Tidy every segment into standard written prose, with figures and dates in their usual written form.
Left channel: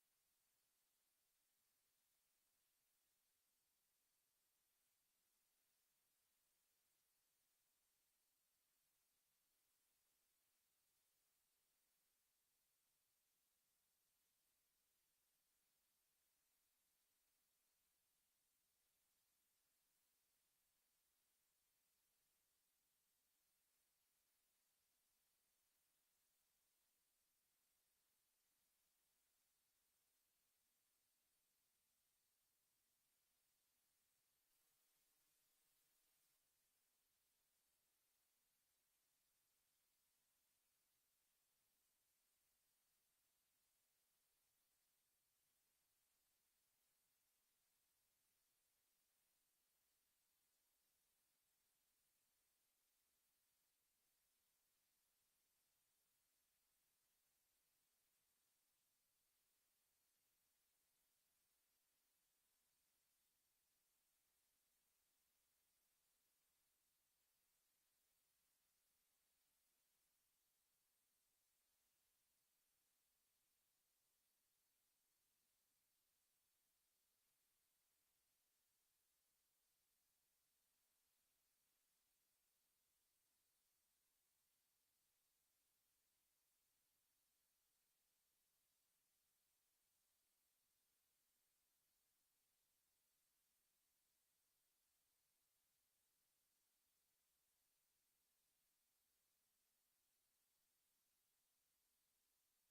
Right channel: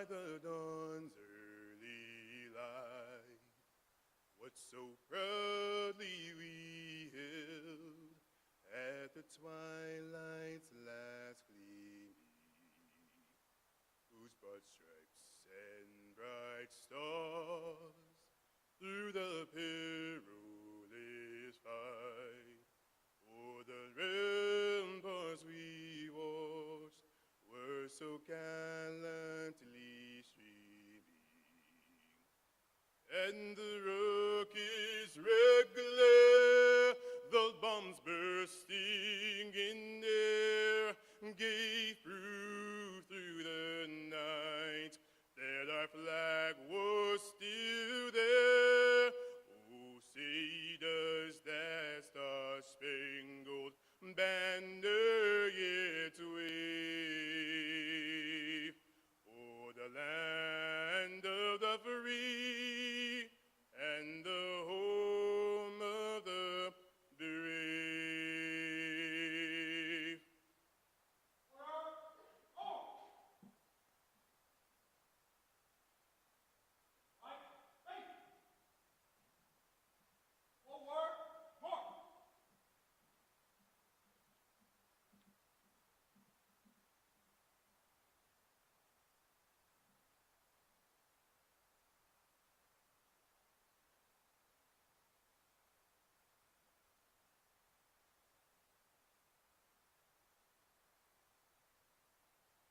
by the dawn's early light, what so proudly we hailed at the twilight's last gleaming, whose broad stripes and bright stars through the perilous fight o'er the ramparts we watched were so gallantly streaming, and the rocket's red glare, the bombs bursting in air, gave proof through the night that our flag was still there. Oh, say does that star-spangled banner yet wave o'er the land of the free and the home of the brave.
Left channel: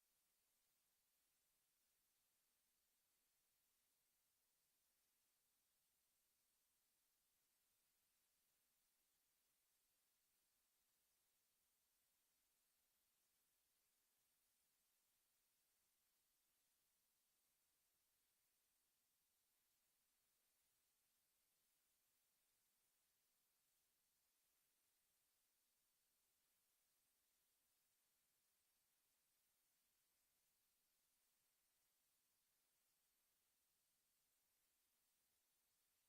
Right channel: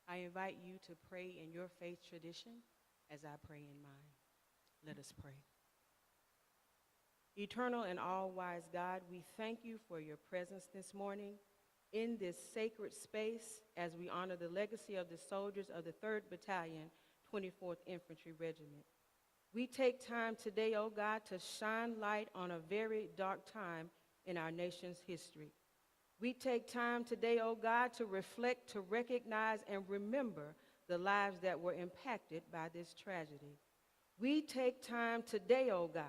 I invite you to pray in your faith tradition as I pray in mine. Let us pray. Eternal and all-wise God, we thank you for your presence this morning in this sacred space as we honor the legacy of the soldiers of the 3rd Battalion, 24th Infantry Regiment. We take time today, oh God, to shine light on a very dark time in our nation's history. We take time today, oh God, to reflect, to recognize, and remember the lives that were impacted by this tragedy. We take time today, oh God,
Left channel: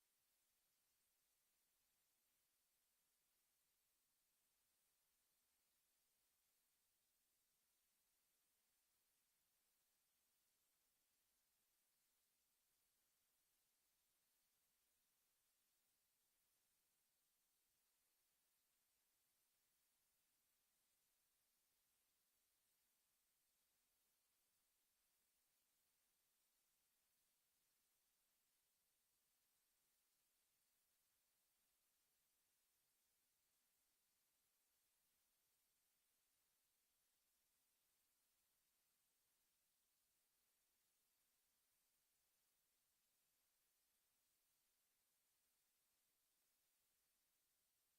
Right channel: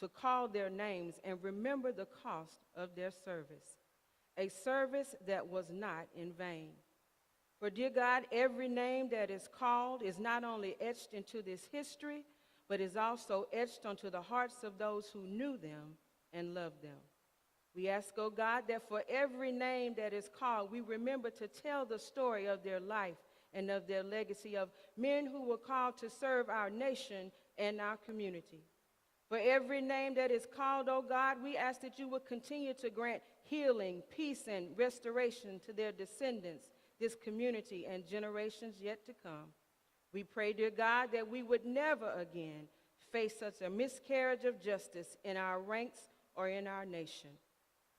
to call their names and remember the cost of their service, a service that was not in vain. For, dear God, every name that is called is not only etched into this history, but is also etched onto the hearts of those who knew them and loved them. We ask, oh God, that for every name that is called, we remember to tell the story of their life and of their legacy, of men who were called to serve our nation and our community. For every name that is called, oh God, we ask that you would continue to grant healing, peace, and restoration to their descendants, this community, and generations yet to come. We pray, dear God, that we would never again face such a miscarriage of justice in our ranks or in our nation.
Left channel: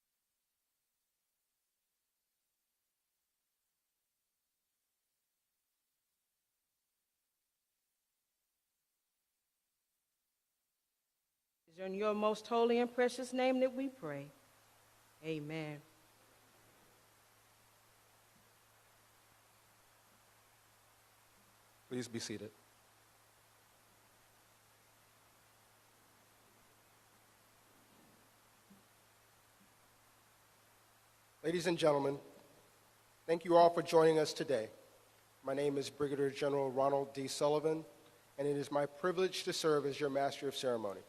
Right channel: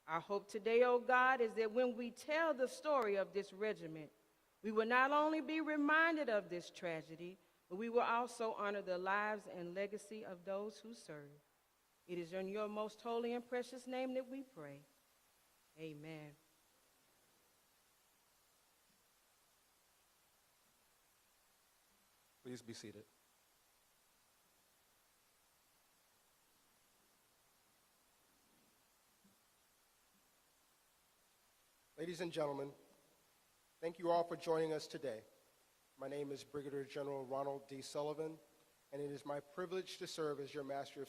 Our hope today, oh God, is that when we tell the story of this regiment, we will not only be reminded of this tragedy, but we will also honor the lives and legacy of those who serve. It is in your most holy and precious name that we pray. Amen. Amen. Please be seated. Please be seated. Ladies and gentlemen, thank you all for joining us today. My name is Brigadier General Ronald D. Sullivan, and it is my privilege to serve as your Master of Ceremony,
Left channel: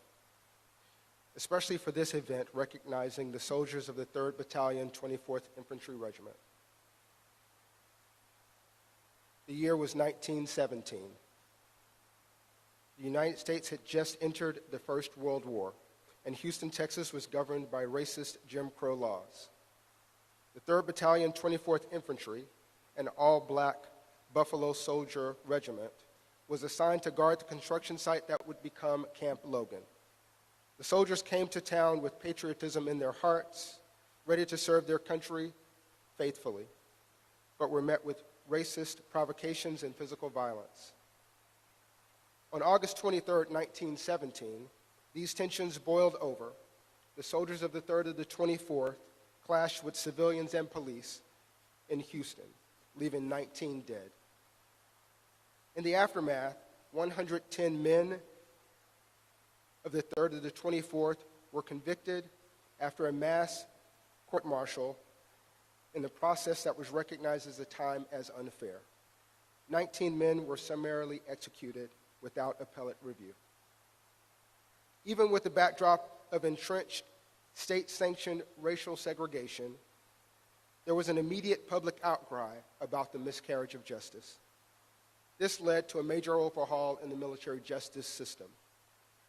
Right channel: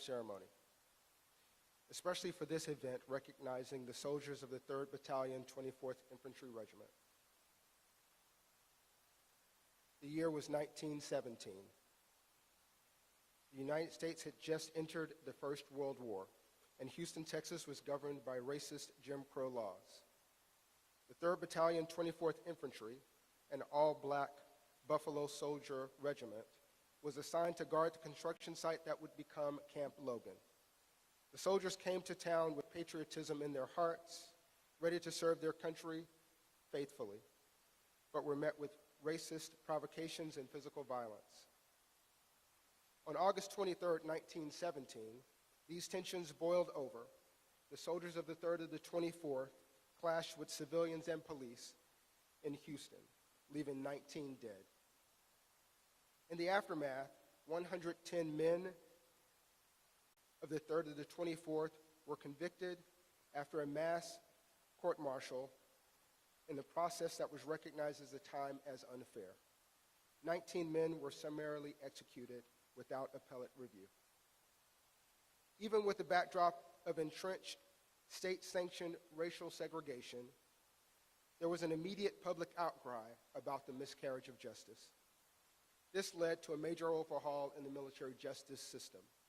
especially for this event recognizing the soldiers of the 3rd Battalion, 24th Infantry Regiment. The year was 1917. The United States had just entered the First World War, and Houston, Texas was governed by racist Jim Crow laws. The 3rd Battalion, 24th Infantry, an all-black Buffalo Soldier regiment, was assigned to guard the construction site that would become Camp Logan. The soldiers came to town with patriotism in their hearts, ready to serve their country faithfully, but were met with racist provocations and physical violence. On August 23, 1917, these tensions boiled over. The soldiers of the 3rd and the 24th clashed with civilians and police in Houston, leaving 19 dead. In the aftermath, 110 men of the 3rd and the 24th were convicted after a mass court-martial in the process that was recognized at the time as unfair. 19 men were summarily executed without appellate review. Even with the backdrop of entrenched, state-sanctioned racial segregation, there was an immediate public outcry about the miscarriage of justice. This led to a major overhaul in the military justice system,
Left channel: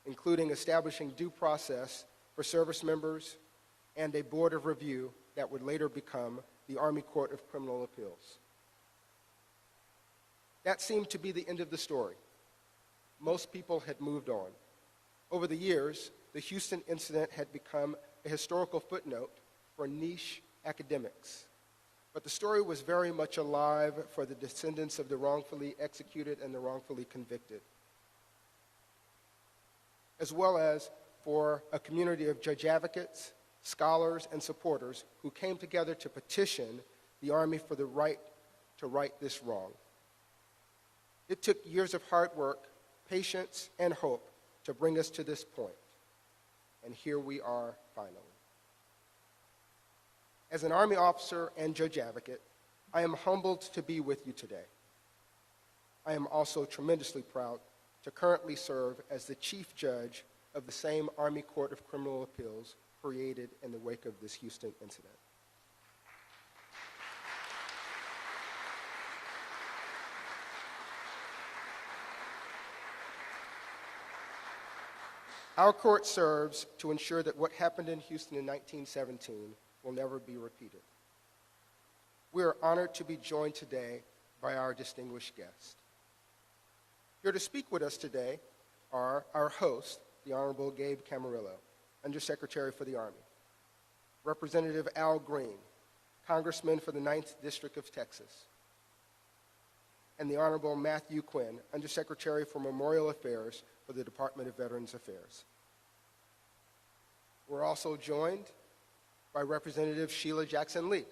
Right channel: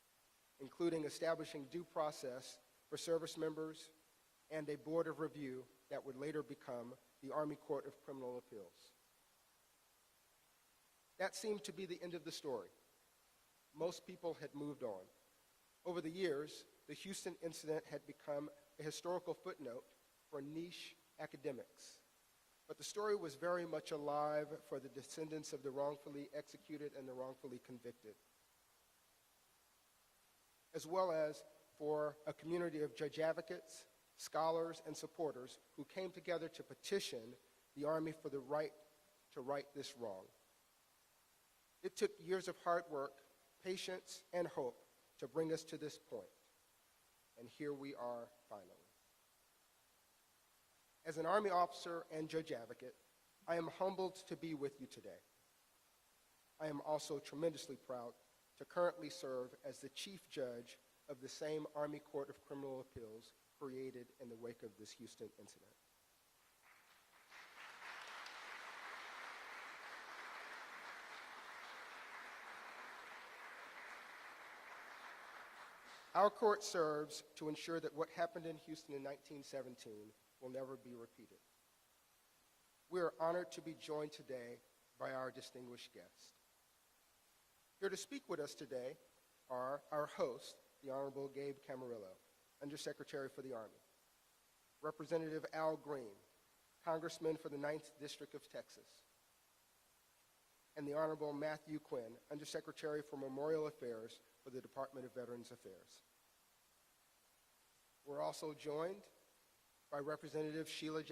including establishing due process for service members and a board of review that would later become the Army Court of Criminal Appeals. That seemed to be the end of the story. Most people had moved on. Over the years, the Houston incident had become a historical footnote for niche academics. But the story was very much alive for the descendants of the wrongfully executed and the wrongfully convicted, as well as for a community of judge advocates, scholars, and supporters who came together to petition the Army for the right to right this wrong. It took years of hard work, patience, and hope to bring us to this point. And here we are finally. As an Army officer and judge advocate, I am humbled to be with you today. I am also tremendously proud to currently serve as the Chief Judge of the same Army Court of Criminal Appeals created in the wake of this Houston incident. Our court serves to ensure that what happened in Houston in 1917 will never be repeated. We are honored to be joined today by our distinguished guests. Here to speak with us today are our host, the Honorable Gabe Camarillo, Undersecretary for the Army, Representative Al Green, Congressman for the 9th District of Texas, and the Honorable Matthew Quinn, Undersecretary for Memorial Affairs for the Department of Veterans Affairs. We're also joined by Representative Sheila Jackson-Lee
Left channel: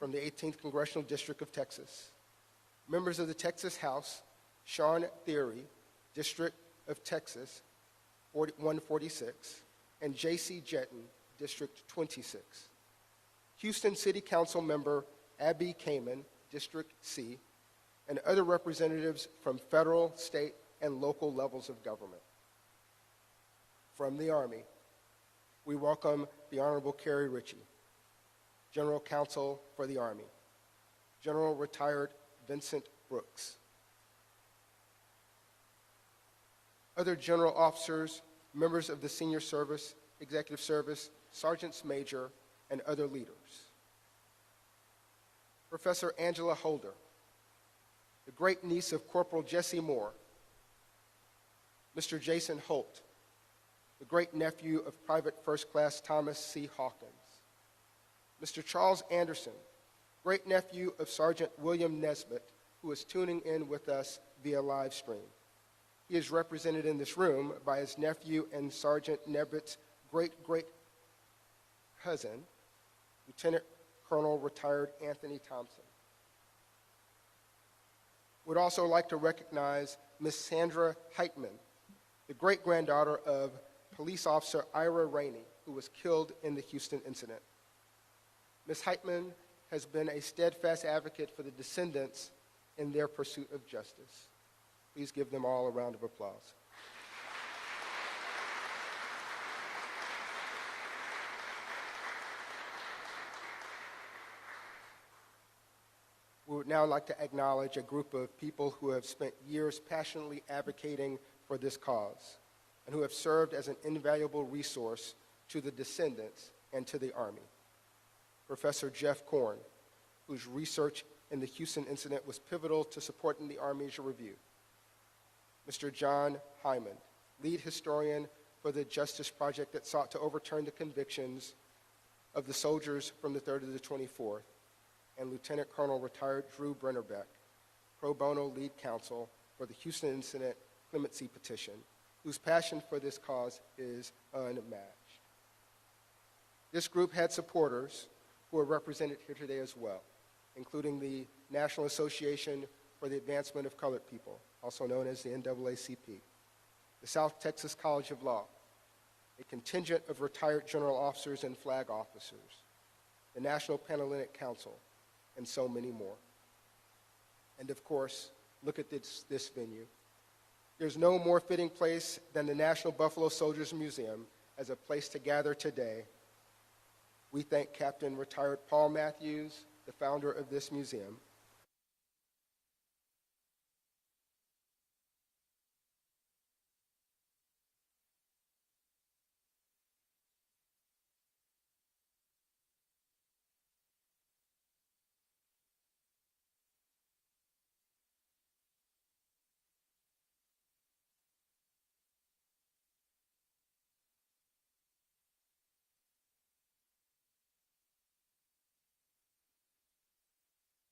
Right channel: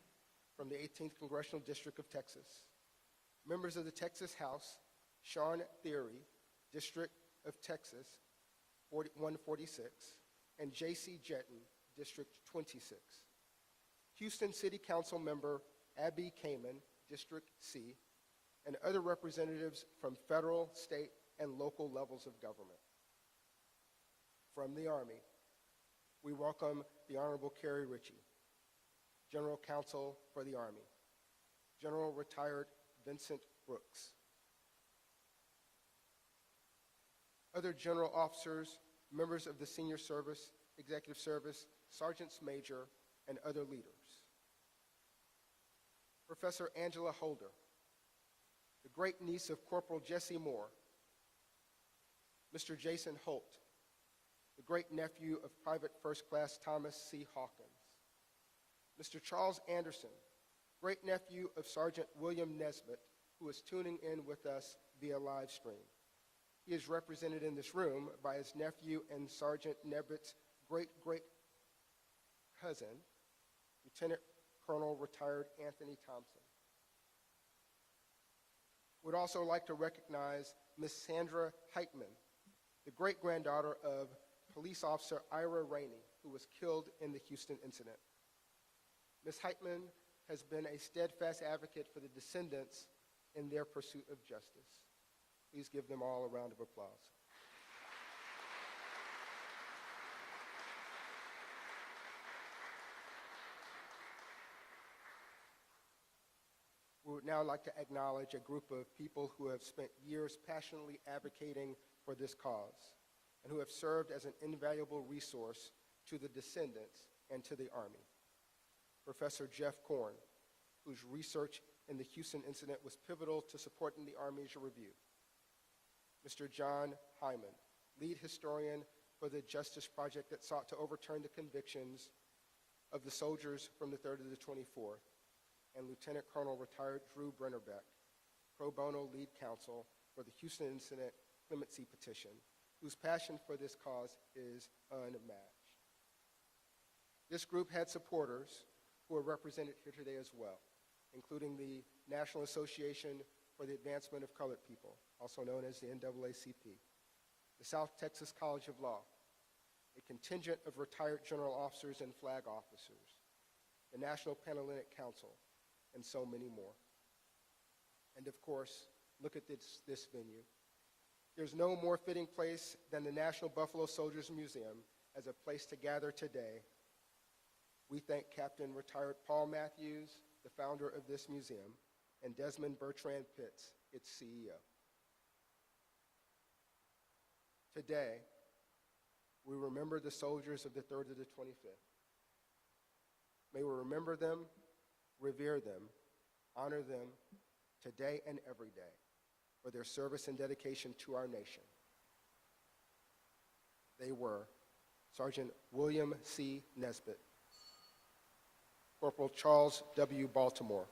from the 18th Congressional District of Texas. Members of the Texas House, Sean Theory, District of Texas, 146, and J.C. Jetton, District 26. Houston City Council Member Abby Kamen, District C, and other representatives from federal, state, and local levels of government. From the Army, we welcome the Honorable Kerry Ritchie, General Counsel for the Army, General Retired Vincent Brooks. Other general officers, members of the Senior Service, Executive Service, Sergeants Major, and other leaders. Professor Angela Holder, the great niece of Corporal Jesse Moore. Mr. Jason Holt, the great nephew of Private First Class Thomas C. Hawkins. Mr. Charles Anderson, great nephew of Sergeant William Nesbitt, who is tuning in with us via live stream. He is represented in this room by his nephew and Sergeant Nesbitt's great-great-great cousin, Lieutenant Colonel retired Anthony Thompson. Would also like to recognize Ms. Sandra Heitman, the great-granddaughter of police officer Ira Rainey, who was killed in the Houston incident. Ms. Heitman has been a steadfast advocate for the descendants in their pursuit of justice. Please give them all a round of applause. We would now like to acknowledge a group of people who have spent years passionately advocating for this cause and who have served as an invaluable resource to the descendants and to the Army. Professor Jeff Korn, whose research in the Houston incident was pivotal to supporting the Army's review. Mr. John Hyman, lead historian for the Justice Project that sought to overturn the convictions of the soldiers from the 3rd to the 24th, and Lieutenant Colonel retired Drew Brennerbeck, pro bono lead counsel for the Houston incident clemency petition, whose passion for this cause is unmatched. This group had supporters who are represented here today as well, including the National Association for the Advancement of Colored People, also known as the NAACP, the South Texas College of Law, a contingent of retired general officers and flag officers, the National Panhellenic Council, and so many more. And of course, look at this venue. There's no more fitting place than the National Buffalo Soldiers Museum as a place to gather today. We thank Captain Retired Paul Matthews, the founder of this museum, and Desmond Bertrand Pitts, its CEO. Today, we remember the soldiers of the 3rd to the 25th. May we remember them, revere them, honor them today and every day for their service and dedication to our nation. They were Sergeant William C. Nesbitt, Corporal Charles W. Baltimore,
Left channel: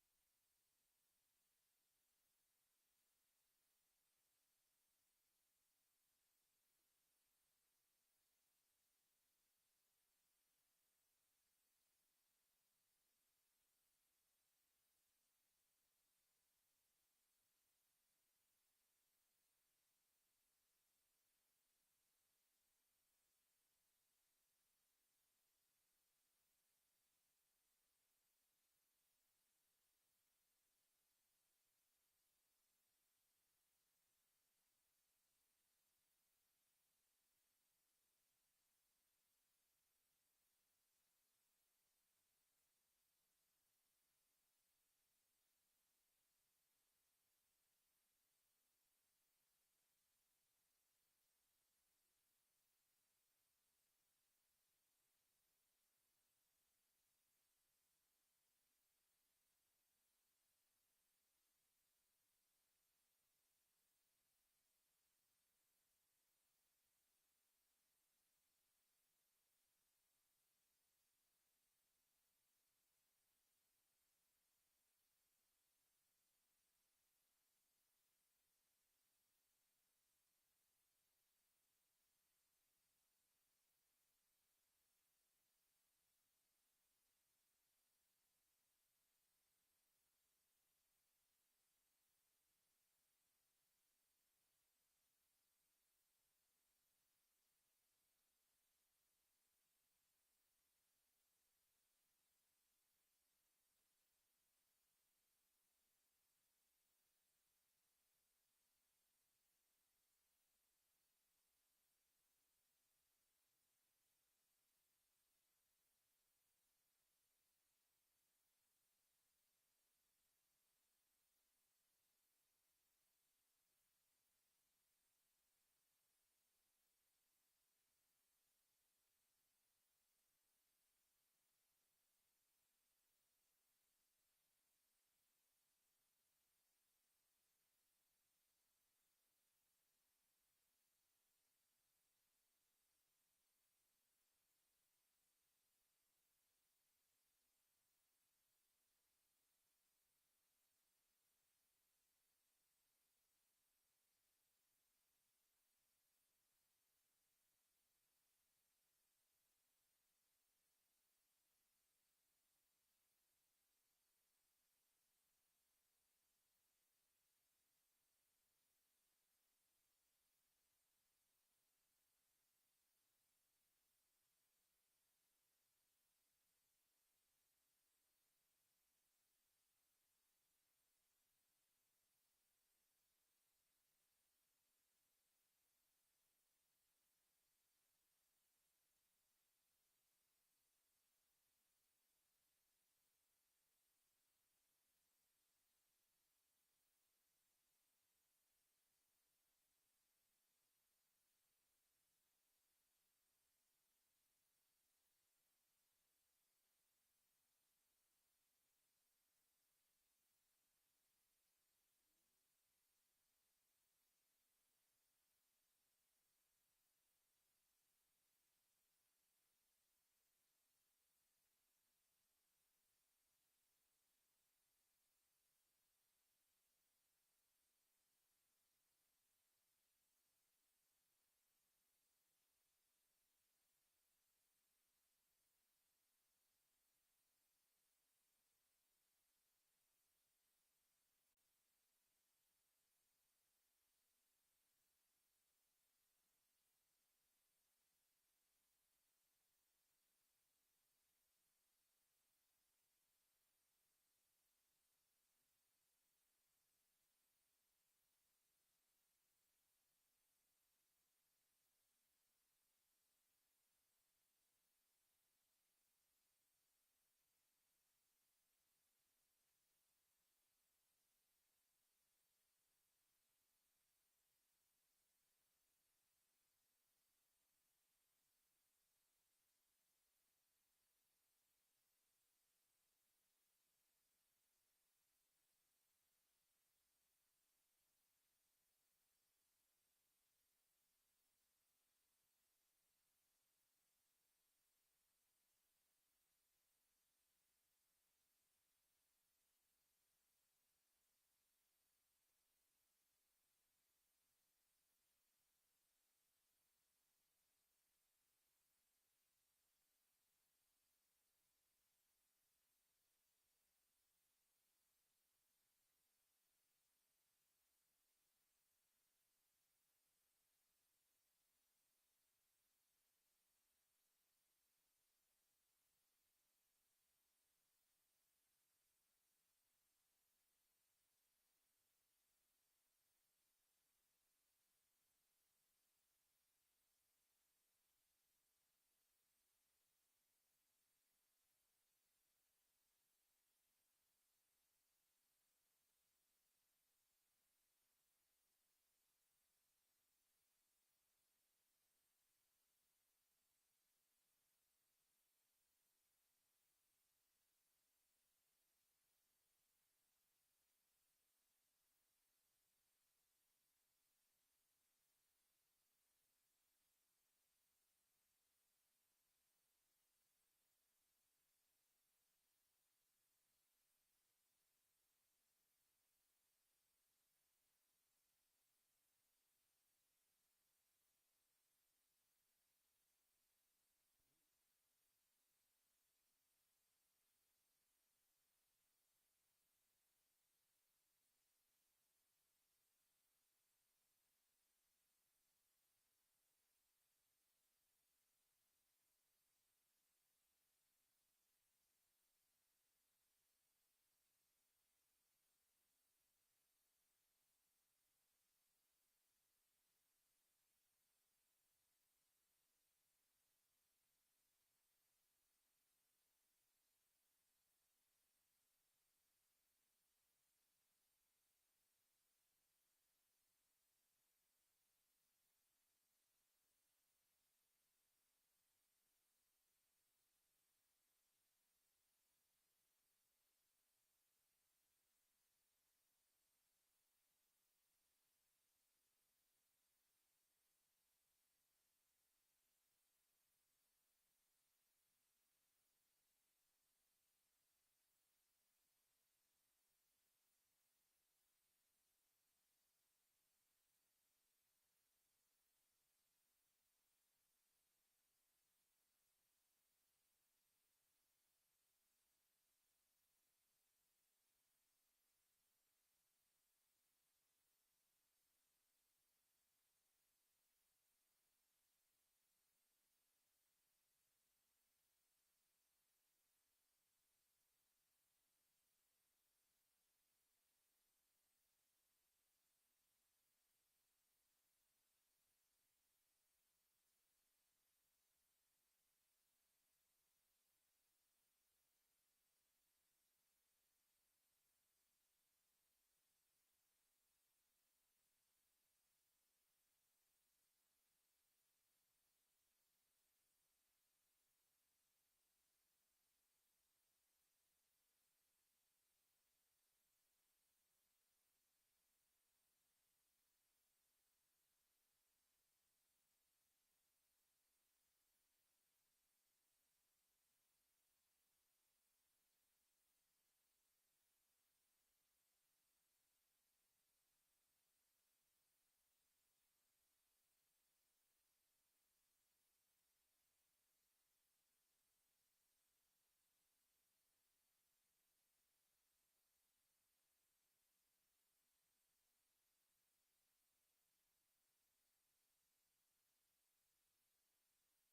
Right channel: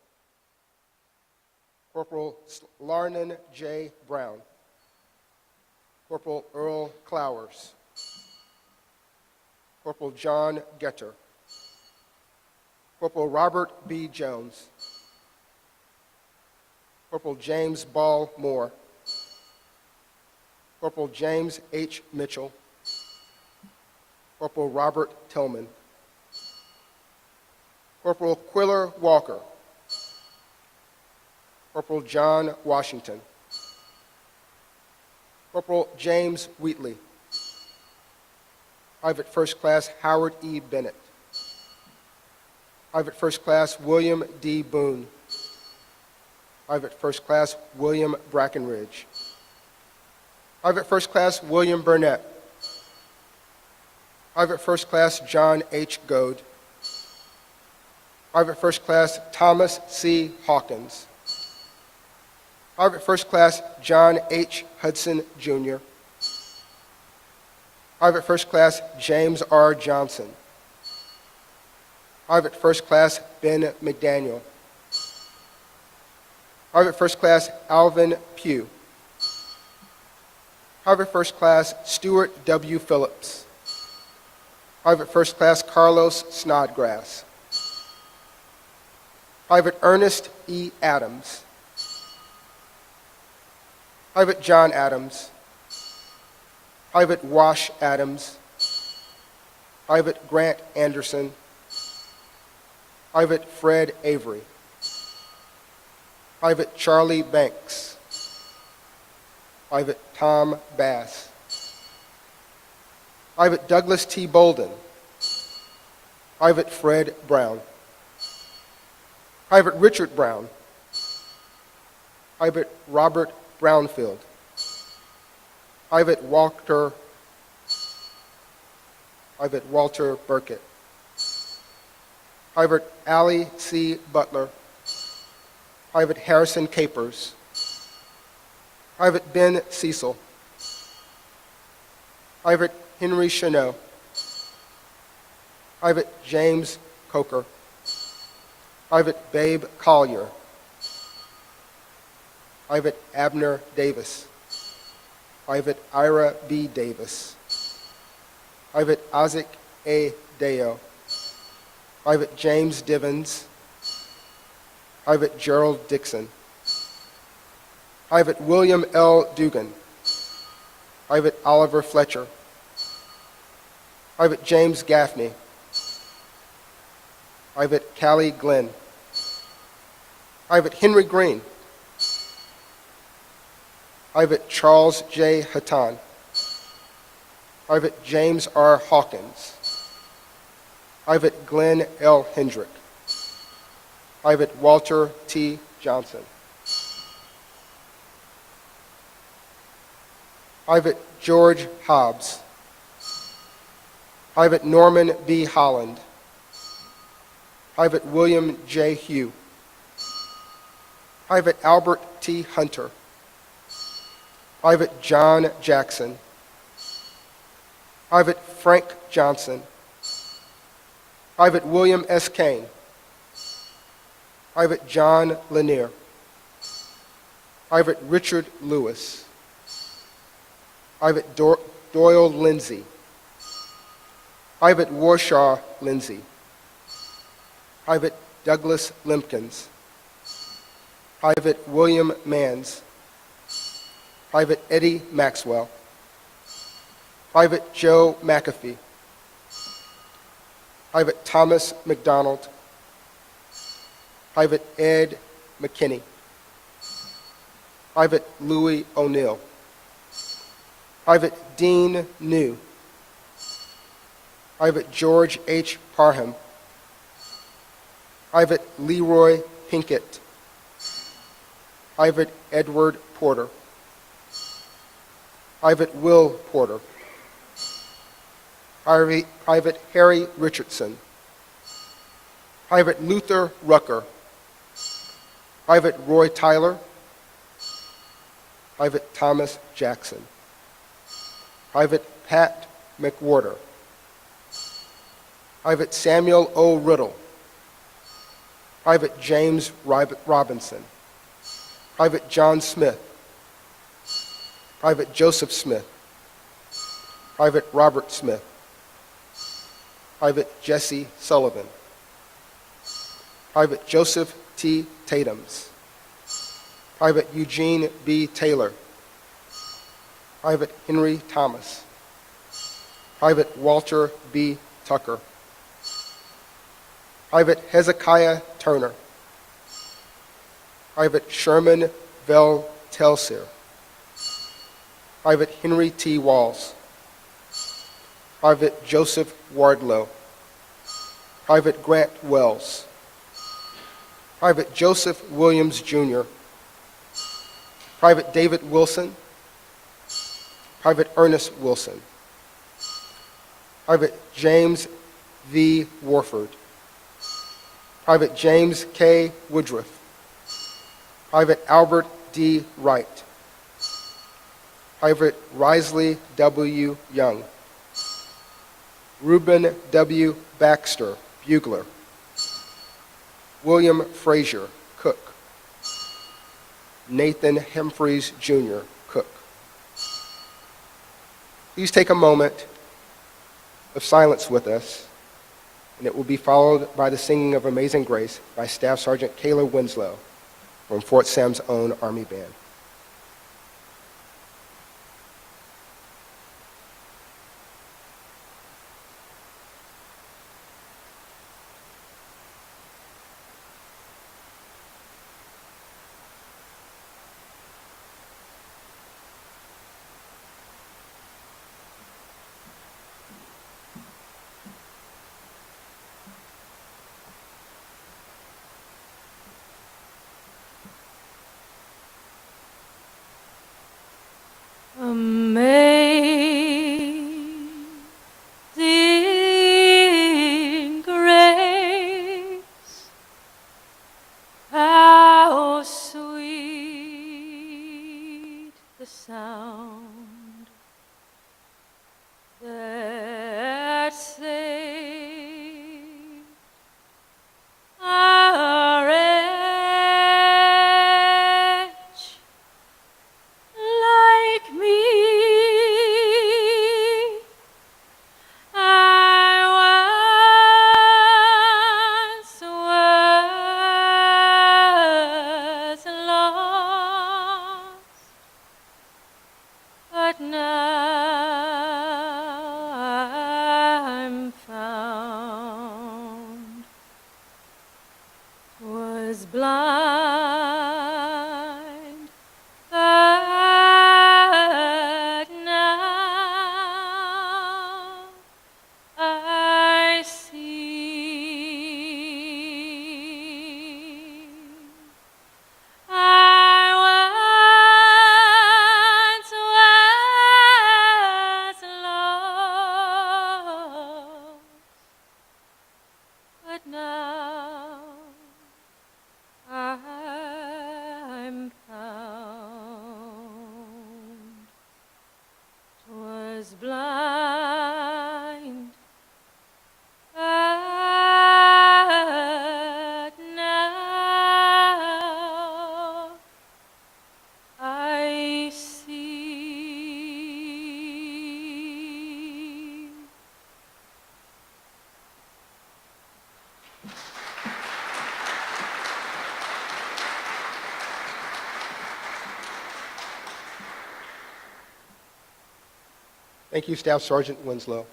Corporal Larnon J. Brown, Corporal Earl Clowers, Corporal John Getter, Corporal Robert B. Jones, Corporal James Ball Moore, Corporal James H. Mitchell, Corporal Robert Tillman, Corporal Quiller Walker, Corporal John Washington, Corporal James Wheatley, Private First Class Howard E. Bennett, Private First Class William D. Boone, Private First Class William Brackenridge, Private First Class William Burnett, Private First Class John H. Goad, Private First Class Thomas C. Hawkins, Private First Class John H. Hudson, Jr., Private First Class James R. Johnson, Private First Class Ben McDaniel, Private First Class Alvin Pugh, Private First Class Stuart W. Phillips, Private First Class Carlos Snodgrass, Private Ernest E. Adams, Private John Adams, Private Wash Adams, Private Grant Anderson, Private Fred Avery, Private Charlie Banks, Private Tom Bass, Private Douglas T. Bolden, Private Fred Brown, Private Richard Brown, Private Robert Brownfield, Private Walter Burkett, Private Allie C. Butler, Private Harrison Capers, Private Ben Cecil, Private Henry Chanot, Private James Coker, Private Babe Collier, Private Abner Davis, Private Ira B. Davis, Private Isaac A. Deo, Private James Divins, Private Gerald Dixon, Private William L. Dugan, Private Oliver Fletcher, Private James Gaffney, Private Callie Glenn, Private Henry Green, Private Charles J. Hatton, Private James R. Hawkins, Private Glenn L. Hendrick, Private Walter T. Johnson, Private George Hobbs, Private Norman B. Holland, Private William J. Hugh, Private Albert T. Hunter, Private John Jackson, Private Frank Johnson, Private William S. Kane, Private John Lanier, Private Richard Lewis, Private Doyle Lindsay, Private Warshaw Lindsay, Private Douglas Limpkins, Private William Manns, Private Eddie Maxwell, Private Joe McAfee, Private Thomas McDonald, Private Ed McKinney, Private Louis O'Neill, Private Dean New, Private George H. Parham, Private Leroy Pinkett, Private Edward Porter, Private Will Porter, Private Harry Richardson, Private Luther Rucker, Private Roy Tyler, Private Thomas Jackson, Private Pat McWhorter, Private Samuel O. Riddle, Private James Robinson, Private John Smith, Private Joseph Smith, Private Robert Smith, Private Jesse Sullivan, Private Joseph T. Tatums, Private Eugene B. Taylor, Private Henry Thomas, Private Walter B. Tucker, Private Hezekiah Turner, Private Sherman Vel Telsier, Private Henry T. Walls, Private Joseph Wardlow, Private Grant Wells, Private Joseph Williams, Jr., Private David Wilson, Private Ernest Wilson, Private James V. Warford, Private James K. Woodruff, Private Albert D. Wright, Private Risley W. Young, Reuben W. Baxter, bugler, William Frazier, cook, Nathan Humphreys, Jr., cook. Please take a moment of silence with us, and it will be followed by the singing of Amazing Grace by Staff Sergeant Kayla Winslow from Fort Sam's own Army Band. Amazing grace, how sweet the sound that saved a wretch like me. I once was lost, but now I'm found. Was blind, but now I see. I once was lost, but now I'm found. 'Twas blind, but now I see. Thank you, Staff Sergeant Winslow.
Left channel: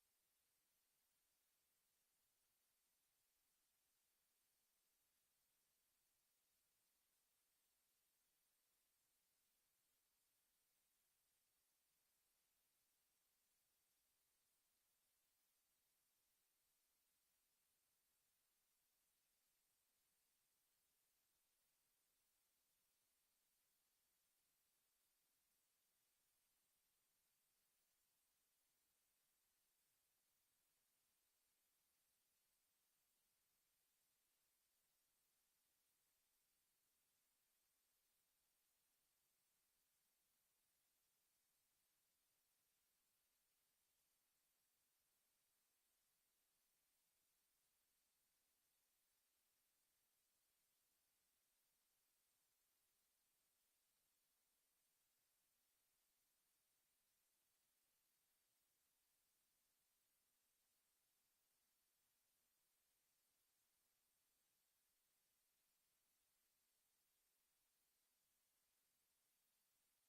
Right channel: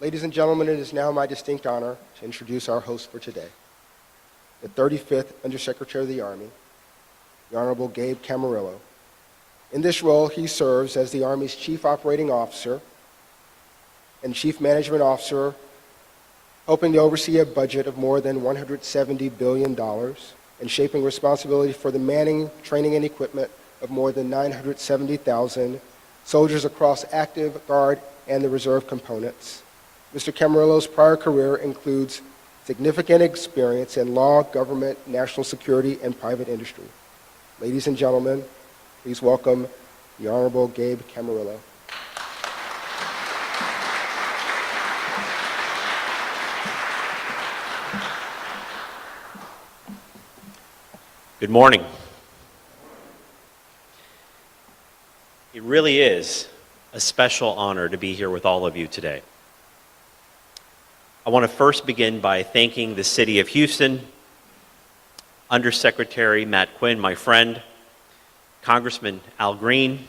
Ladies and gentlemen, it is now my distinct honor to introduce our host for today, the 35th Undersecretary of the Army, the Honorable Gabe Camarillo. In this role, he serves as the Army's Chief Operating Officer and Chief Management Officer, hoping to oversee a budget of more than $170 billion and shaping responsibility for the manning, training, and equipment of more than 970,000 soldiers across active, guard, and the reserve components. Mr. Camarillo's prior career includes significant experience in law, government, national security, and private industry. Ladies and gentlemen, please welcome the Honorable Gabe Camarillo. Good morning. It really is a special honor to be here with all of you today. I want to first begin by thanking the City of Houston, Undersecretary Matt Quinn, my friend, Congressman Al Green,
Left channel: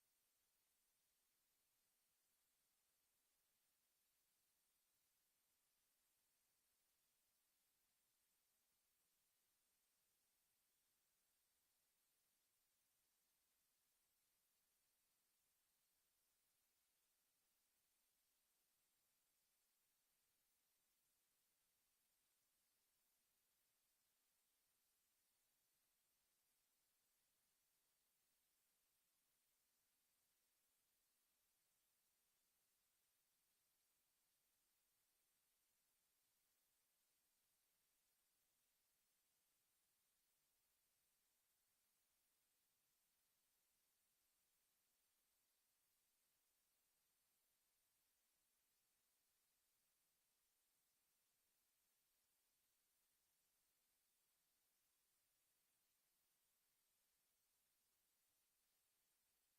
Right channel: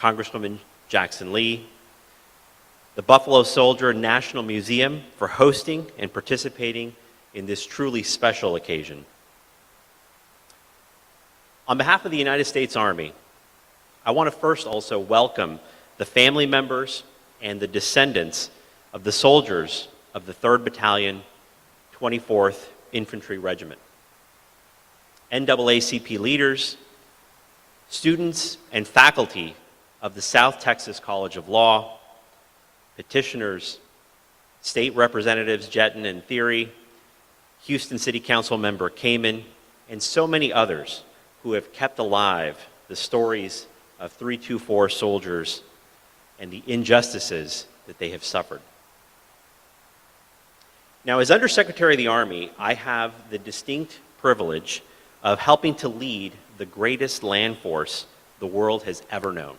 Congresswoman Jackson Lee, the Buffalo Soldier National Museum for hosting and participating in this truly special occasion. On behalf of the United States Army, I want to first also welcome the family members and the descendants of the soldiers of the 3rd Battalion, 24th Infantry Regiment, NAACP leaders, students and faculty of the South Texas College of Law, petitioners, state representatives Jetton and Theory, Houston City Council member Kamen, and so many others who have kept alive the stories of 324 soldiers and the injustices that they have suffered. Now, as Undersecretary of the Army, I have the distinct privilege of helping to lead the greatest land force the world has ever known.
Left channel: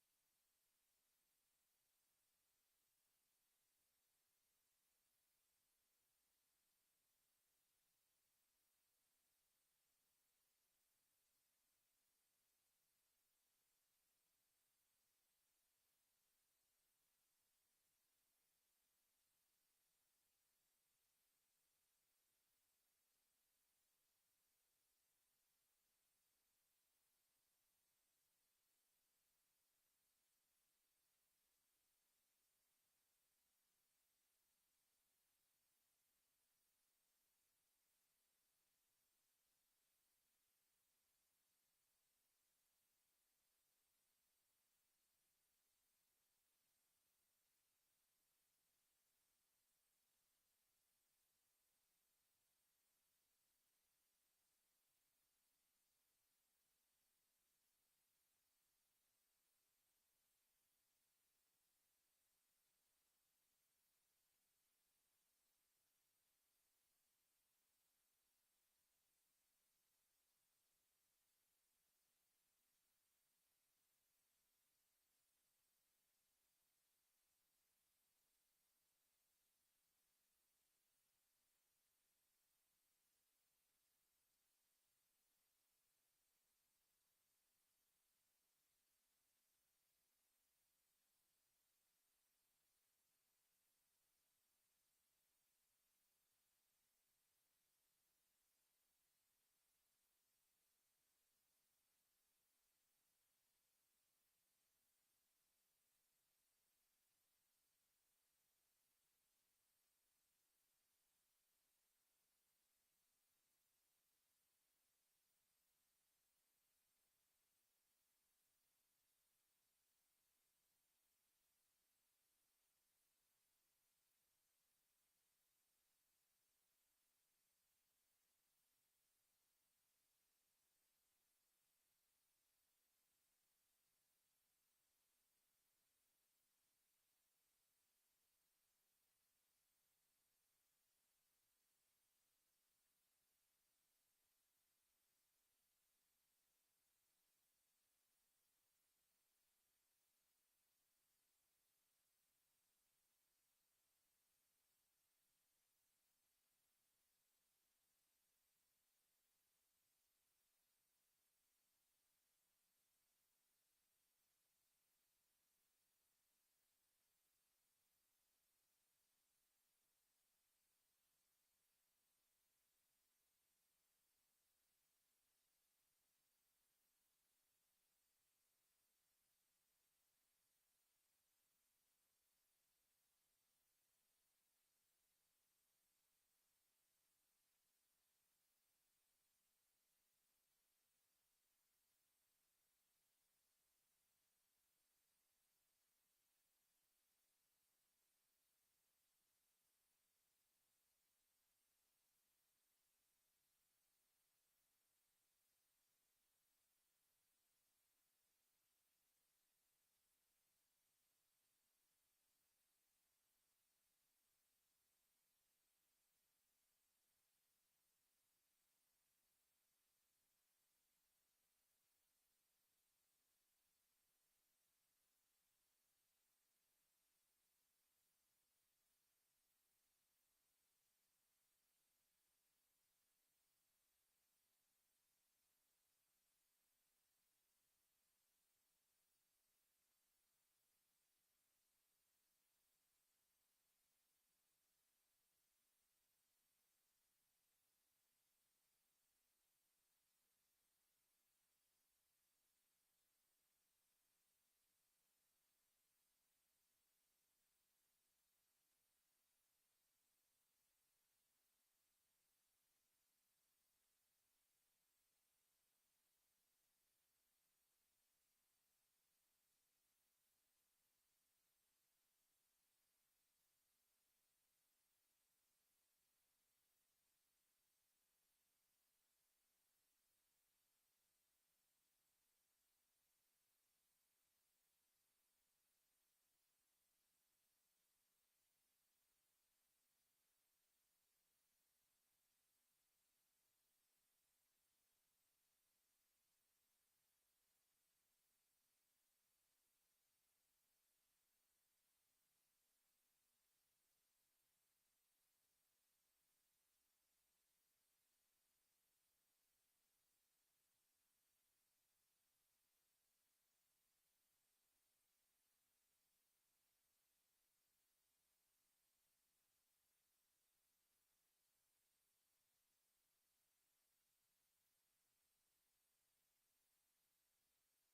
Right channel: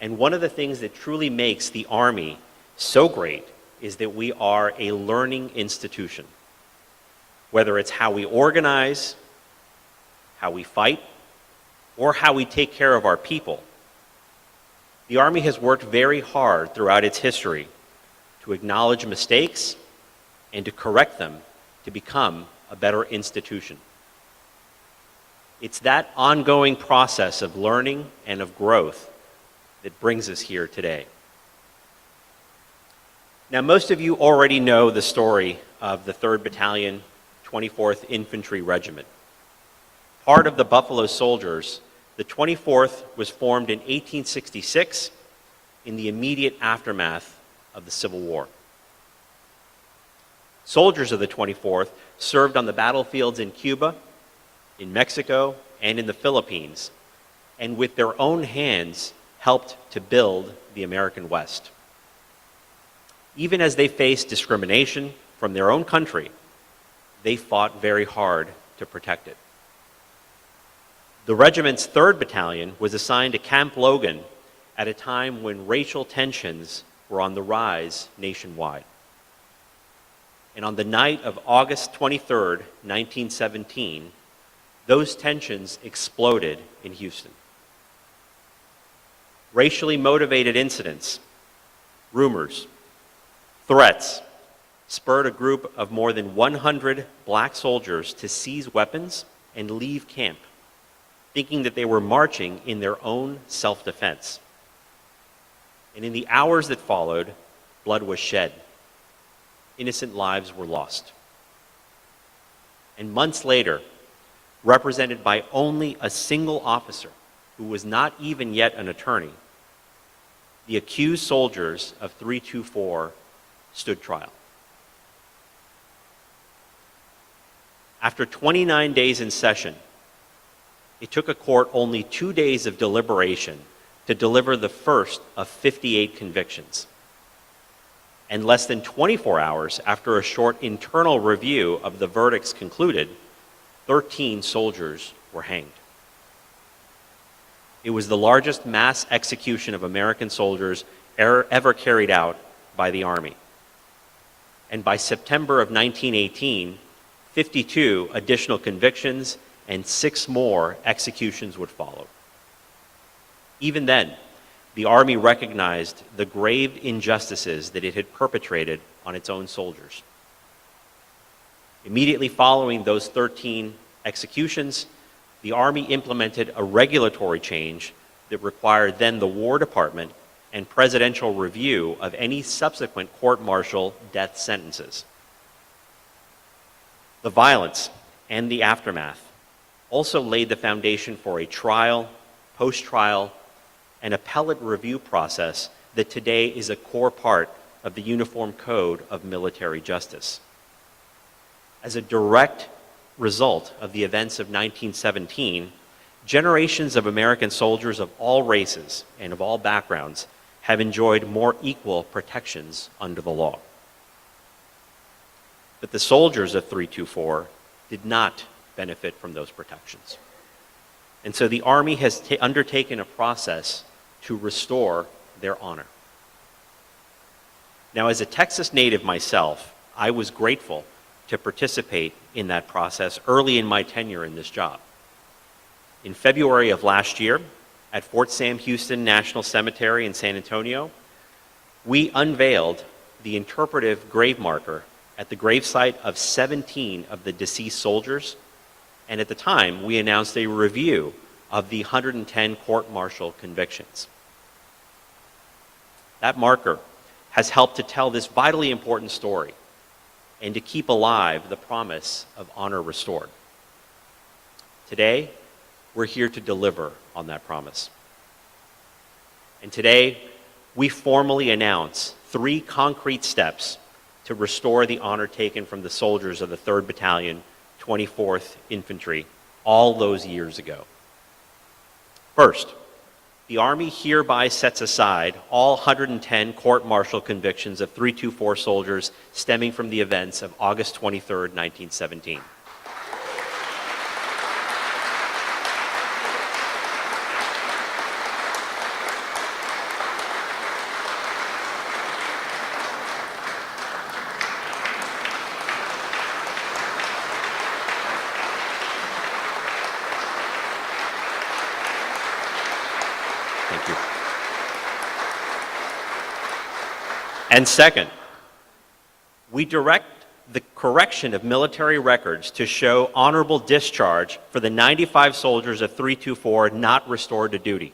And one of the things that truly makes the Army so great is that we are a learning institution. Whether it's how we organize, how we fight, or how we take care of our people, the Army has worked very hard throughout its history to acknowledge mistakes and to correct them to become a better institution. It's that ongoing process of learning and of growth that brings us here today. Now, most of you already know the story of the 3rd Battalion, 24th Infantry Regiment. Part of the Buffalo Soldiers, the 24th was formed in 1866 in the immediate aftermath of the Civil War. Soldiers of the 24th served on the battlefields in Cuba, in Mexico, and in the Philippines, and with their own hands helped to build the American West. Even as they faced discrimination from their own country, they fought very hard to protect it. The regiment's 3rd Battalion was assigned to Camp Logan at a time when racial tensions were on the rise nationwide. And on the night of August 23rd, 1917, those tensions exploded in Houston. Racially motivated incidents, rumors, threats spurred a group of more than 100 black soldiers to seize weapons and leave camp, thinking that they were marching in their own self-defense. And in the hours that followed, blood was shed. Innocent lives were lost. And months later, represented by only a single officer who was not even yet an attorney, the accused soldiers of 324 stood trial. After 29 days in session, it took a court only 2 days of deliberation to deliver the first of 58 convictions. And less than 24 hours after a short internal review of the verdicts concluded, 13 soldiers were hanged. It was the largest mass execution of American soldiers ever carried out by the Army. And by September of 1918, 52 additional convictions and 6 more executions would follow. Even then, the Army recognized the grave injustices that it had perpetrated on its own soldiers. Immediately following those 13 executions, the Army implemented a regulatory change that required then the War Department and presidential review of any subsequent court-martial death sentences. The violence and the aftermath also laid the foundation for a trial, post-trial, and appellate review process that today is a core part of the Uniform Code of Military Justice. As a direct result of the events of 1917, generations of American soldiers of all races and of all backgrounds have enjoyed more equal protections under the law. But the soldiers of 324 did not benefit from those protections. And so the Army has undertaken a process to restore their honor. Now, as a Texas native myself, I was grateful to participate in that process early in my tenure in this job. In February of last year, at Fort Sam Houston National Cemetery in San Antonio, we unveiled the interpretive grave marker at the gravesite of 17 of the deceased soldiers, and at the time, we announced a review of the 110 court-martial convictions. That marker has helped to tell this vitally important story and to keep alive the promise of honor restored. Today, we're here to deliver on that promise. And today, we formally announce 3 concrete steps to restore the honor taken from the soldiers of the 3rd Battalion, 24th Infantry, all those years ago. First, the Army hereby sets aside all 110 court-martial convictions of 324 soldiers stemming from the events of August 23, 1917. Thank you. And second, we direct the correction of military records to show honorable discharge for the 95 soldiers of 324 not restored to duty.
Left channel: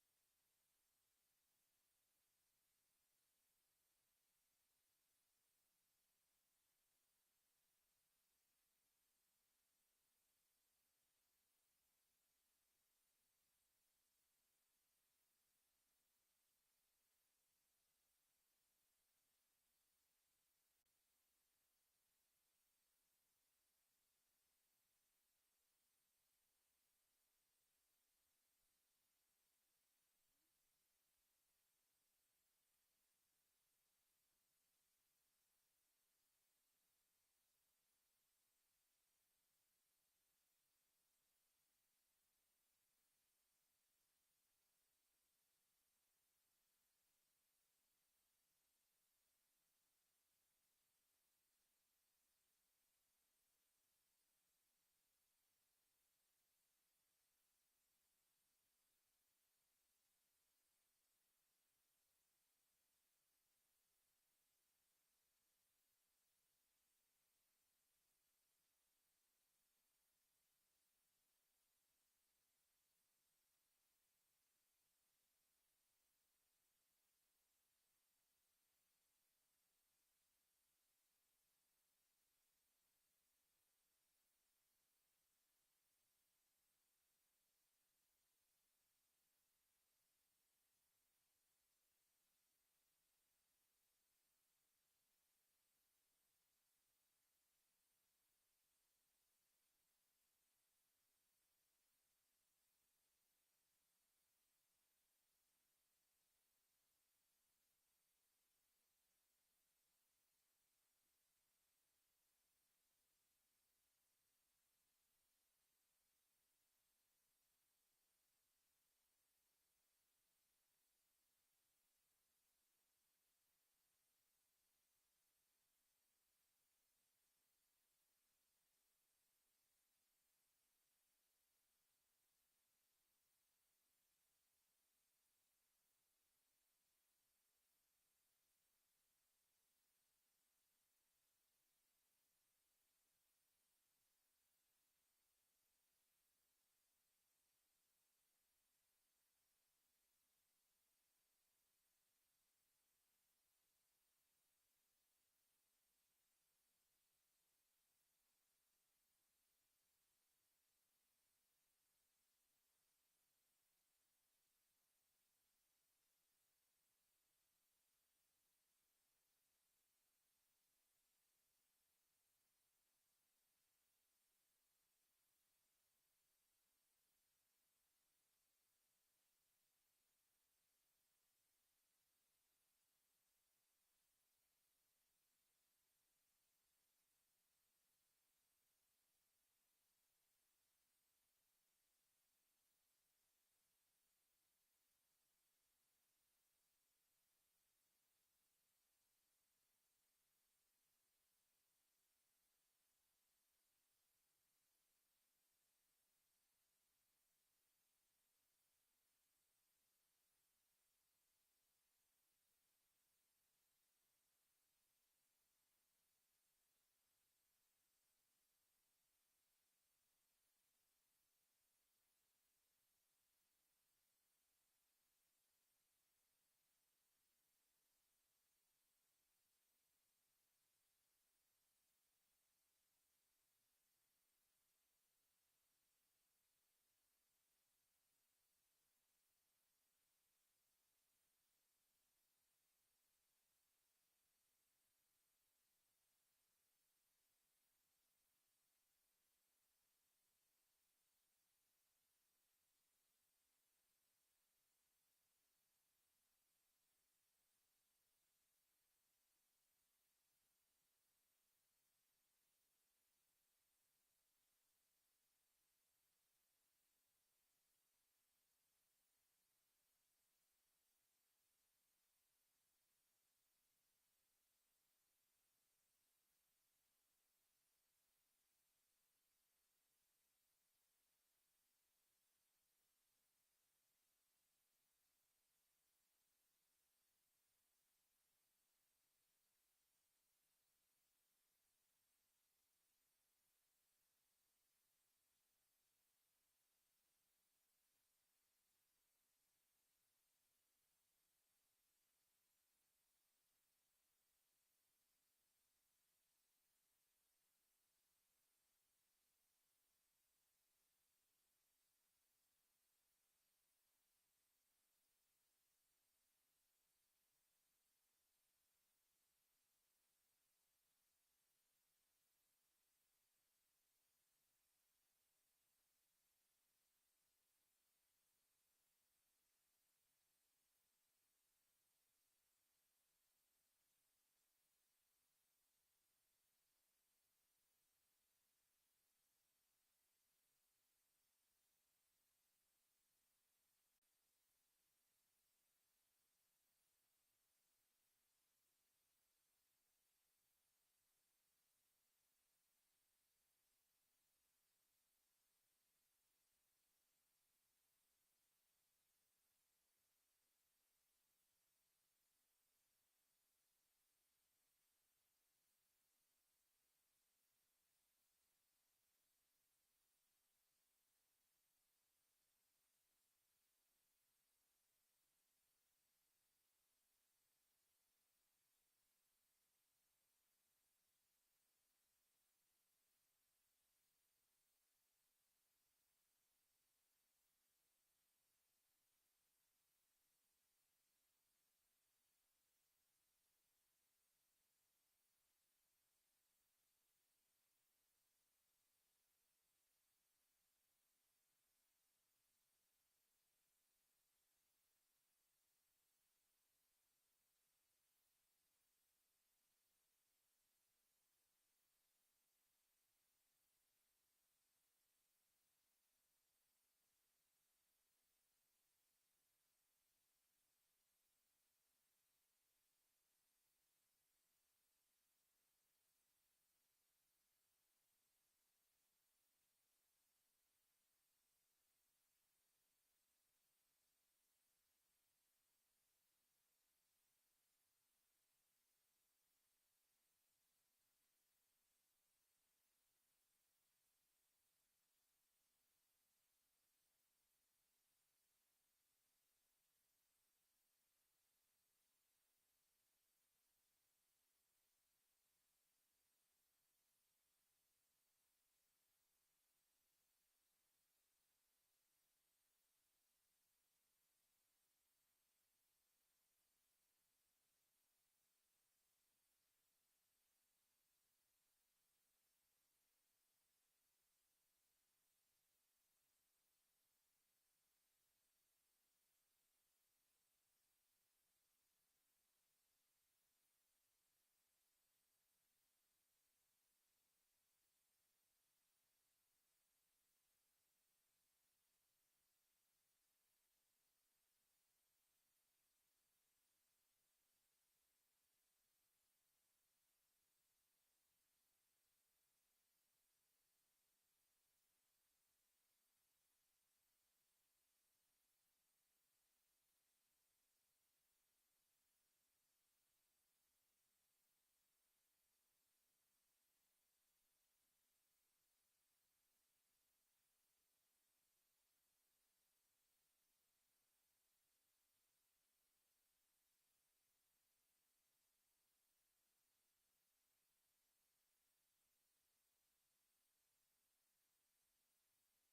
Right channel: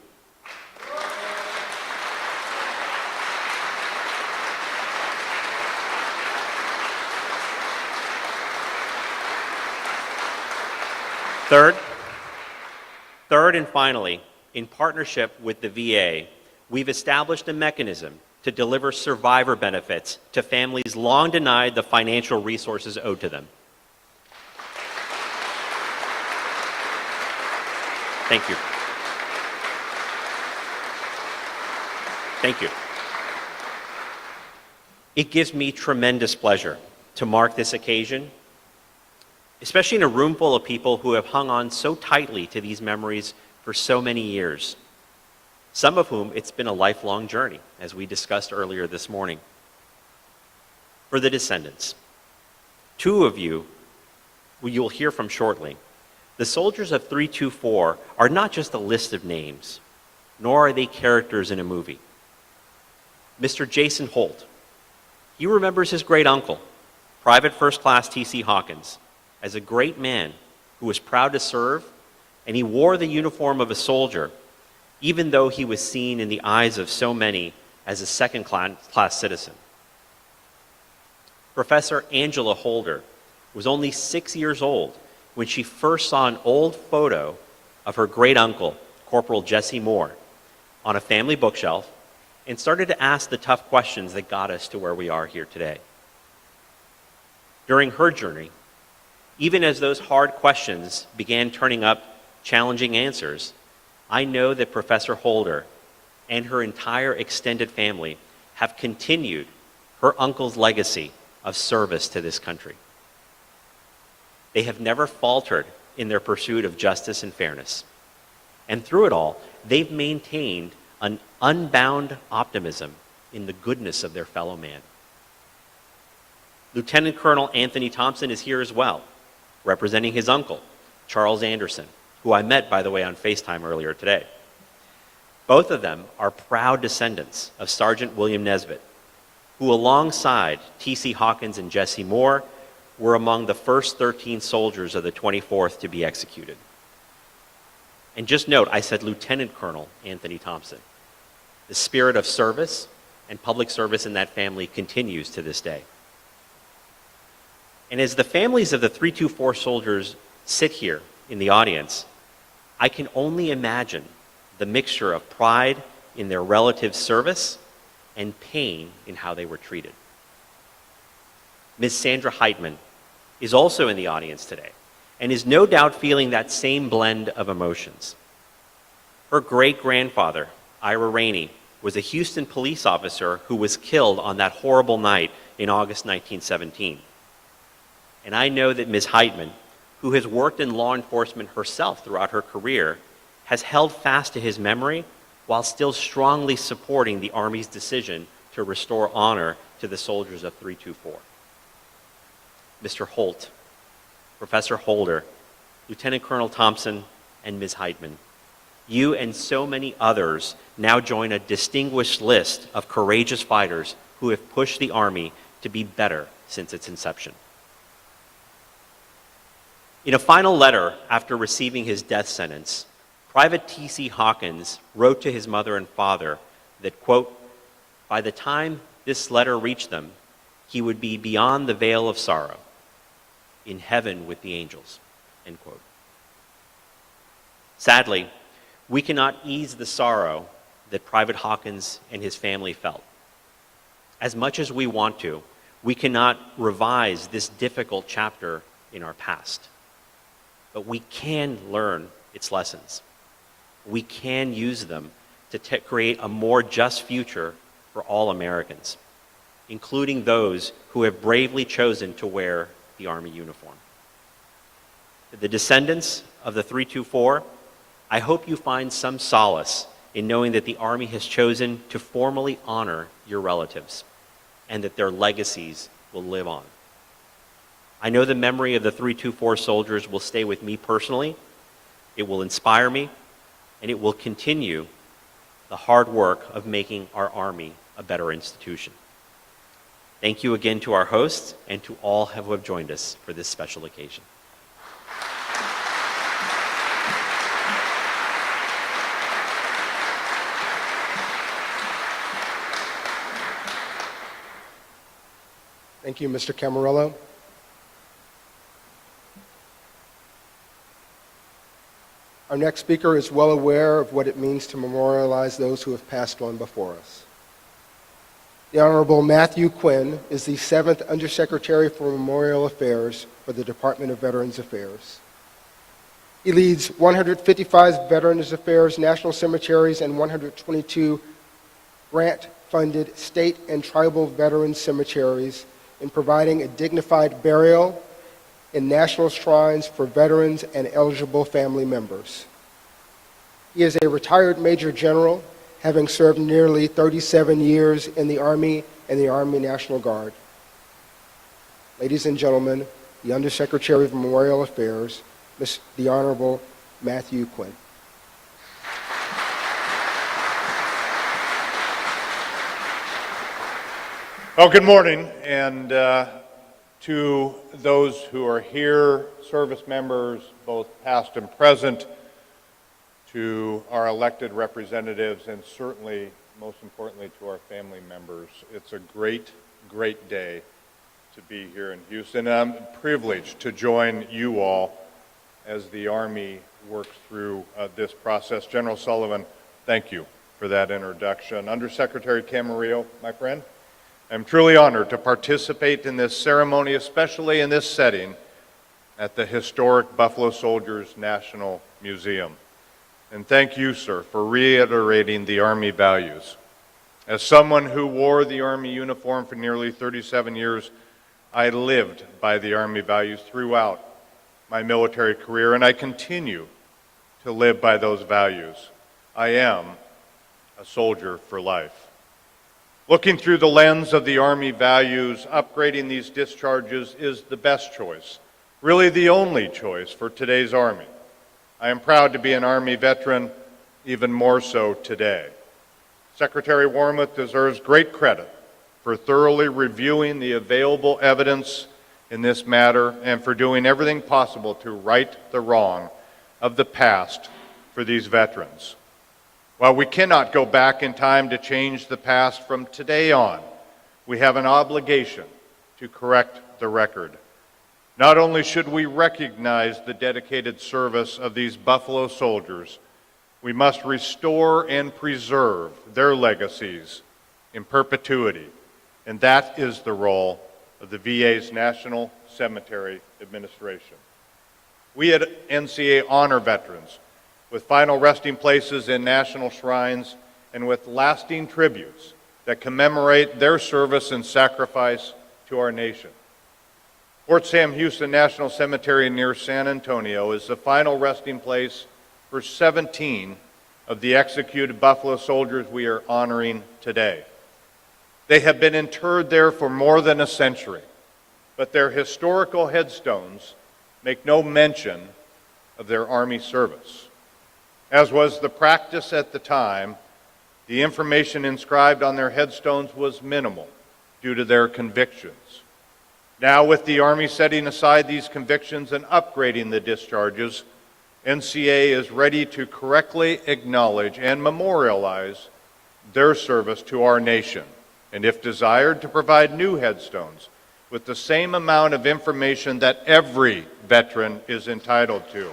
Third and finally, in partnership with the VA, we've established a mechanism to deliver survivor benefits to families long denied the financial resources owed to them. Thank you. Thank you. It gives me tremendous pleasure to mark this occasion, especially in a room full of people who have hung on so tightly to these memories for so many years, some of whom it's been a lifelong journey, as we discussed earlier this morning. For the descendants, 2 of you, who you'll hear from shortly, the soldiers of 324 are not just a list of names, nor are they characters in a movie. Mr. Jason Holt, he remembers his great uncle, Private First Class T.C. Hawkins, as a great man who was proud to serve, and he wore the uniform of a soldier, even though he was seen in the eyes of so many as a second-class citizen. Professor Angela Holder was only 6 years old when she first saw an old photo of her great-uncle, Corporal Jesse Moore, on a family bookshelf and started to ask the tough questions that got us to where we are here today. During her journey, even as those hard questions began turning up challenging answers, I know that Professor Holder and her entire extended family have continued her uncle's legacy of service to this country. They have never faltered in their pursuit of justice and fairness. And through it all, they've maintained an unbound optimism in the goodness of their fellow man. Lieutenant Colonel Anthony Thompson is here as well, representing his uncle, Charles Anderson, who I met, by the way, on FaceTime earlier today. Both of them are proud descendants of Sergeant William Nesbitt, who alongside T.C. Hawkins and Jesse Moore were among the first 13 soldiers of the 24th to be executed. And just note, I said Lieutenant Colonel Anthony Thompson. The spirit of service and public service in that family continues to this day. And as the families of the 324 soldiers sit here in the audience, I can only imagine the mixture of pride in their relatives' service and pain in how they were treated. Ms. Sandra Heitman is also in the audience today and is no doubt feeling that same blend of emotions. Her great-grandfather, Ira Rainey, was a Houston police officer who was killed on that horrible night in August 1917. And I know that Ms. Heitman, who has worked in law enforcement herself throughout her career, has held fast to his memory while still strongly supporting the Army's decision to restore honor to the soldiers of 324. Mr. Holt, Professor Holder, Lieutenant Colonel Thompson, and Ms. Heitman, you and so many others now join a distinguished list of courageous fighters who have pushed the Army to be better since its inception. In a final letter after receiving his death sentence, Private T.C. Hawkins wrote to his mother and father that, quote, by the time this letter reached them, he would be beyond the veil of sorrow, in heaven with the angels, end quote. Sadly, we cannot ease the sorrow that Private Hawkins and his family felt. As much as we want to, we cannot revise this difficult chapter in our past. But we can learn its lessons. We can use them to create a more just future for all Americans, including those who have bravely chosen to wear the Army uniform. To the descendants of the 324, I hope you find some solace in knowing that the Army has chosen to formally honor your relatives and that their legacies will live on. I know the memory of the 324 soldiers will stay with me personally, it will inspire me, and it will continue the hard work of making our Army a better institution. Thank you again to our hosts and to all who have joined us for this special occasion. Thank you, Mr. Camarillo. Our next speaker is well aware of what it means to memorialize those who have passed on before us. The Honorable Matthew Quinn is the 7th Undersecretary for Memorial Affairs for the Department of Veterans Affairs. He leads 155 Veterans Affairs national cemeteries and 122 grant-funded state and tribal veterans cemeteries in providing a dignified burial in national shrines for veterans and eligible family members. He is a retired Major General, having served nearly 37 years in the Army and the Army National Guard. Ladies and gentlemen, the Undersecretary of Memorial Affairs, the Honorable Matthew Quinn. Well, good morning, and to those who are here, service members, both past and present, to our elected representatives, and certainly, most importantly, to our family members. It's a great, great day to be here in Houston. I'm privileged to join you all as the Army works through this process. General Sullivan, thank you for that introduction. Undersecretary Camarillo, my friend, I'm truly honored to participate in this ceremony, especially in this setting at the historic Buffalo Soldiers National Museum. And thank you, sir, for reiterating the Army values. As someone who wore the Army uniform for nearly 37 years, I lived by the Army values throughout my military career, and I continue to live by those values. I am a soldier for life. Looking through the lens of the Army values, upgrading these discharges is the best choice, really the only choice for today's Army. I am proud to be an Army veteran, even more so today. Secretary Wormuth deserves great credit for thoroughly reviewing the available evidence in this matter and for doing everything possible to right the wrong of the past for for these veterans. While we cannot go back in time to change the past, from today on, we have an obligation to correct the record. Not only should we recognize the dedicated service of these Buffalo soldiers, we must restore and preserve their legacies in perpetuity, and that is the role of the VA's National Cemetery Administration. We at NCA honor veterans with final resting places in national shrines and with lasting tributes that commemorate their service and sacrifice to our nation. Fort Sam Houston National Cemetery near San Antonio is the final resting place for 17 of the executed Buffalo soldiers we are honoring today. They have been interred there for more than a century, but their historical headstones make no mention of their Army service. As was the practice at the time, the information inscribed on their headstones was minimal due to their convictions. Now, with the Army setting aside these convictions and upgrading the discharges, NCA is ready to correctly acknowledge and memorialize their service to our nation, and if desired, to provide new headstones with the same amount of information that every veteran is entitled to.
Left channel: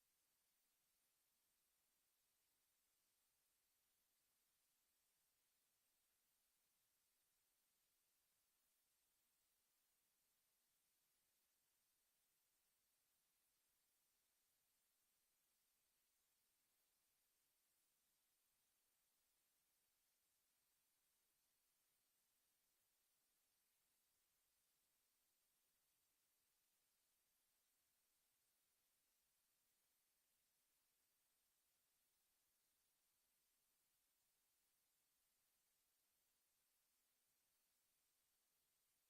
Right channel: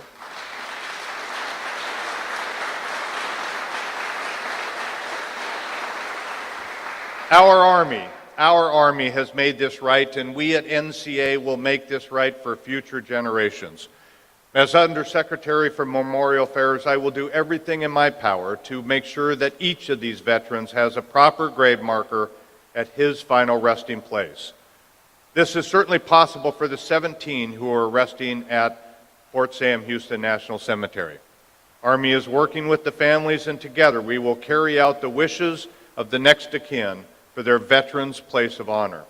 Our Army has made this right, and we at NCA will make this right for future generations. As Undersecretary for Memorial Affairs, I will do everything in my power to make sure that each of these veterans has a proper grave marker at his final resting place. This is certainly possible for the 17 who are resting at Fort Sam Houston National Cemetery. Army is working with the families, and together we will carry out the wishes of the next of kin for their veterans' place of honor.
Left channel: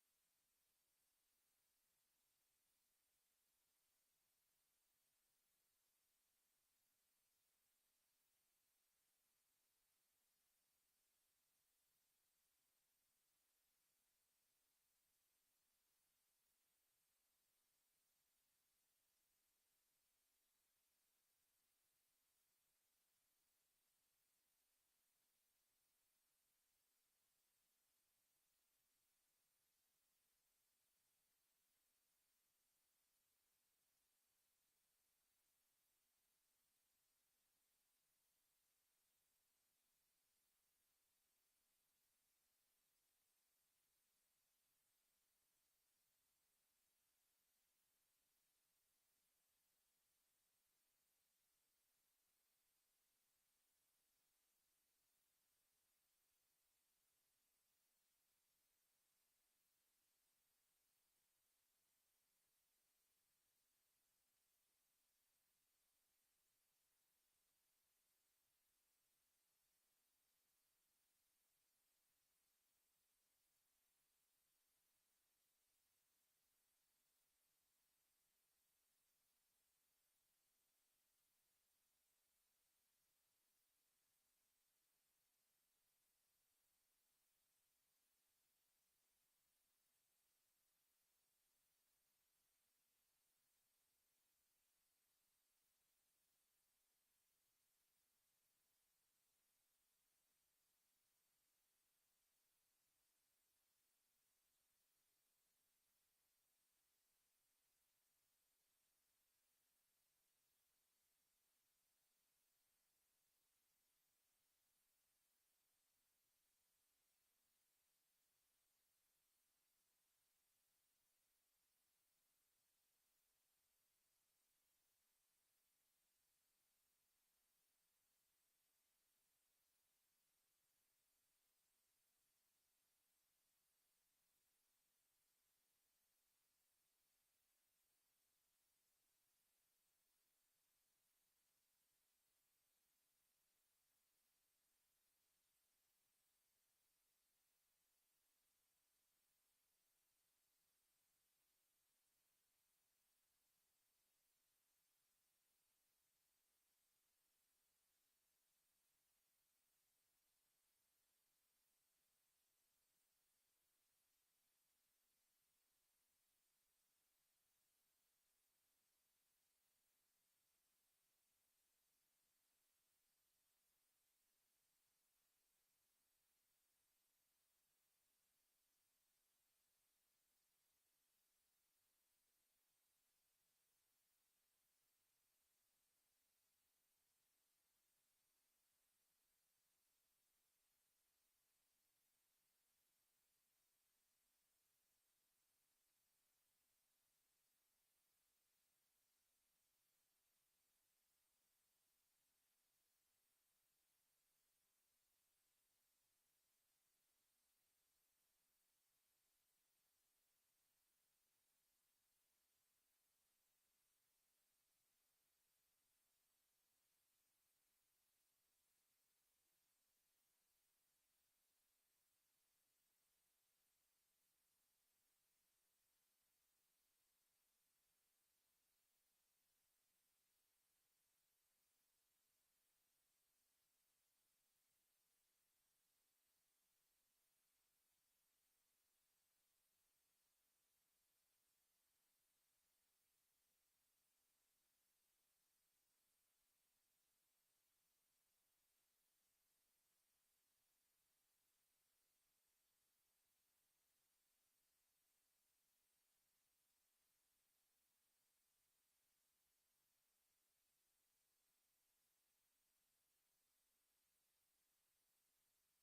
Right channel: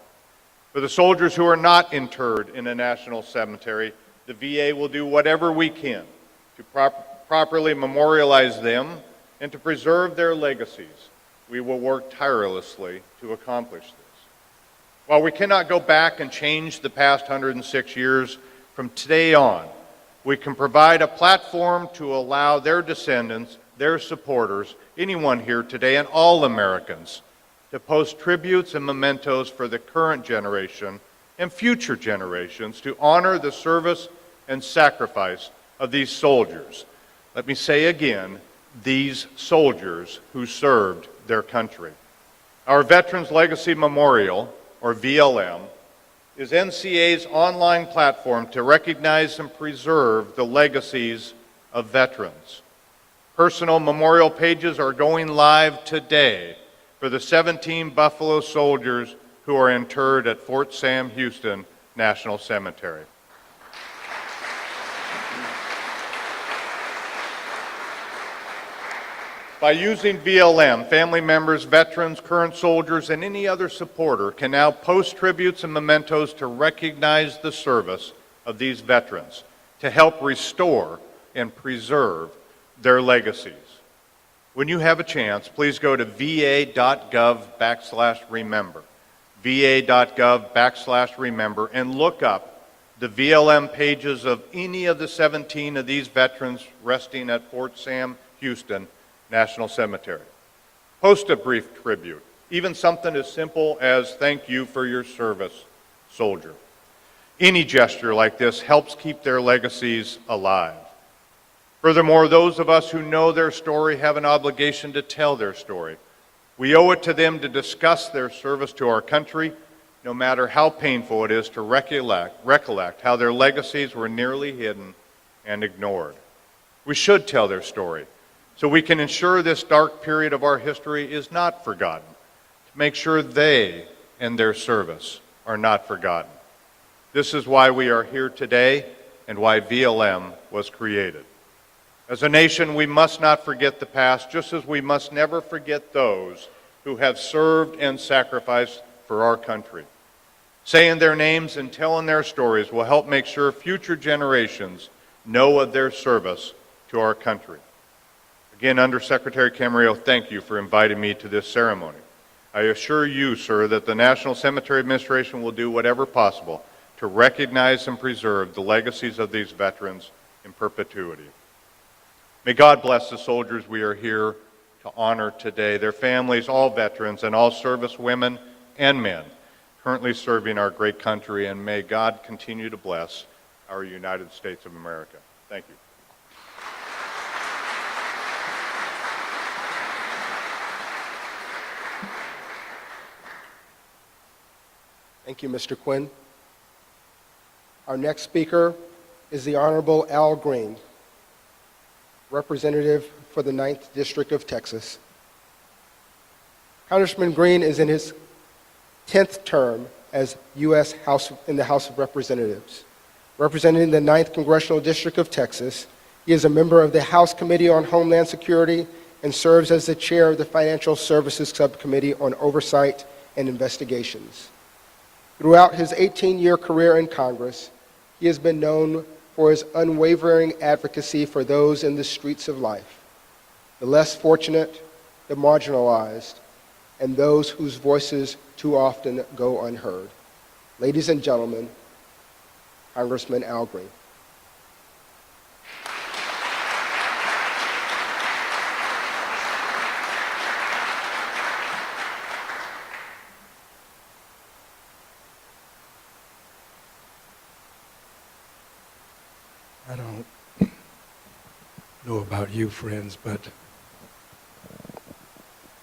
For the soldiers who are not interred in a national cemetery, the VA will do whatever we can to properly memorialize them and to preserve their legacies. We will work tirelessly to accomplish this. While we cannot go back and change the past 106 years, from today on, we can provide a platform to allow their descendants, their supporters, anyone here today, and all Americans to post tributes and mementos for the current generation and future generations to honor the service and sacrifice of these soldiers. Let me say again, these soldiers who served their country. Our Veterans Legacy Memorial, or VLM, is NCA's online platform to recognize and preserve the legacies of veterans. Personal memorial pages are going live today for the 17 Buffalo soldiers who are interred at Fort Sam Houston National Cemetery. By using VLM, family members, veterans, current soldiers, and any other supporter can now post tributes and mementos to recognize the service of these veterans, to help restore and preserve their legacies. When you have a chance, please go to va.gov/remember, va.gov/remember, and look up the VLM pages of any of the 17 of these veterans resting at Fort Sam Houston National Cemetery. Post a brief tribute, even something as simple as "Thank you for your service, soldier." Any gesture like this helps keep their legacies alive. Furthermore, those of us who know their story have an obligation to tell their story. We owe it to them to discuss their service to our country, no matter how painful it is to recollect how their legacies were nearly hidden and ignored. We should tell their story so we can ensure this dark period of our history is not forgotten, to make sure they and their service are not forgotten. This is why we are here today and why VLM was created. As a nation, we must not forget the past, just as we must never forget those who have served and sacrificed for our country. Saying their names and telling their stories will help make sure future generations know of their service to our country. Again, Undersecretary Camarillo, thank you for inviting me to this ceremony. I assure you, sir, that the National Cemetery Administration will do whatever possible to recognize and preserve the legacies of these veterans in perpetuity. May God bless the soldiers we are here to honor today, their families, all veterans, and all service women and men currently serving our great country, and may God continue to bless our United States of America. Thank you. Thank you, Mr. Quinn. Our next speaker is the Honorable Al Green, representative for the 9th District of Texas. Congressman Green is in his 10th term as U.S. in the House of Representatives. Representing the 9th Congressional District of Texas, he is a member of the House Committee on Homeland Security and serves as the chair of the Financial Services Subcommittee on Oversight and Investigations. Throughout his 18-year career in Congress, he has been known for his unwavering advocacy for those in the streets of life, the less fortunate, the marginalized, and those whose voices too often go unheard. Ladies and gentlemen, Congressman Al Green. I don't know about you, friends, but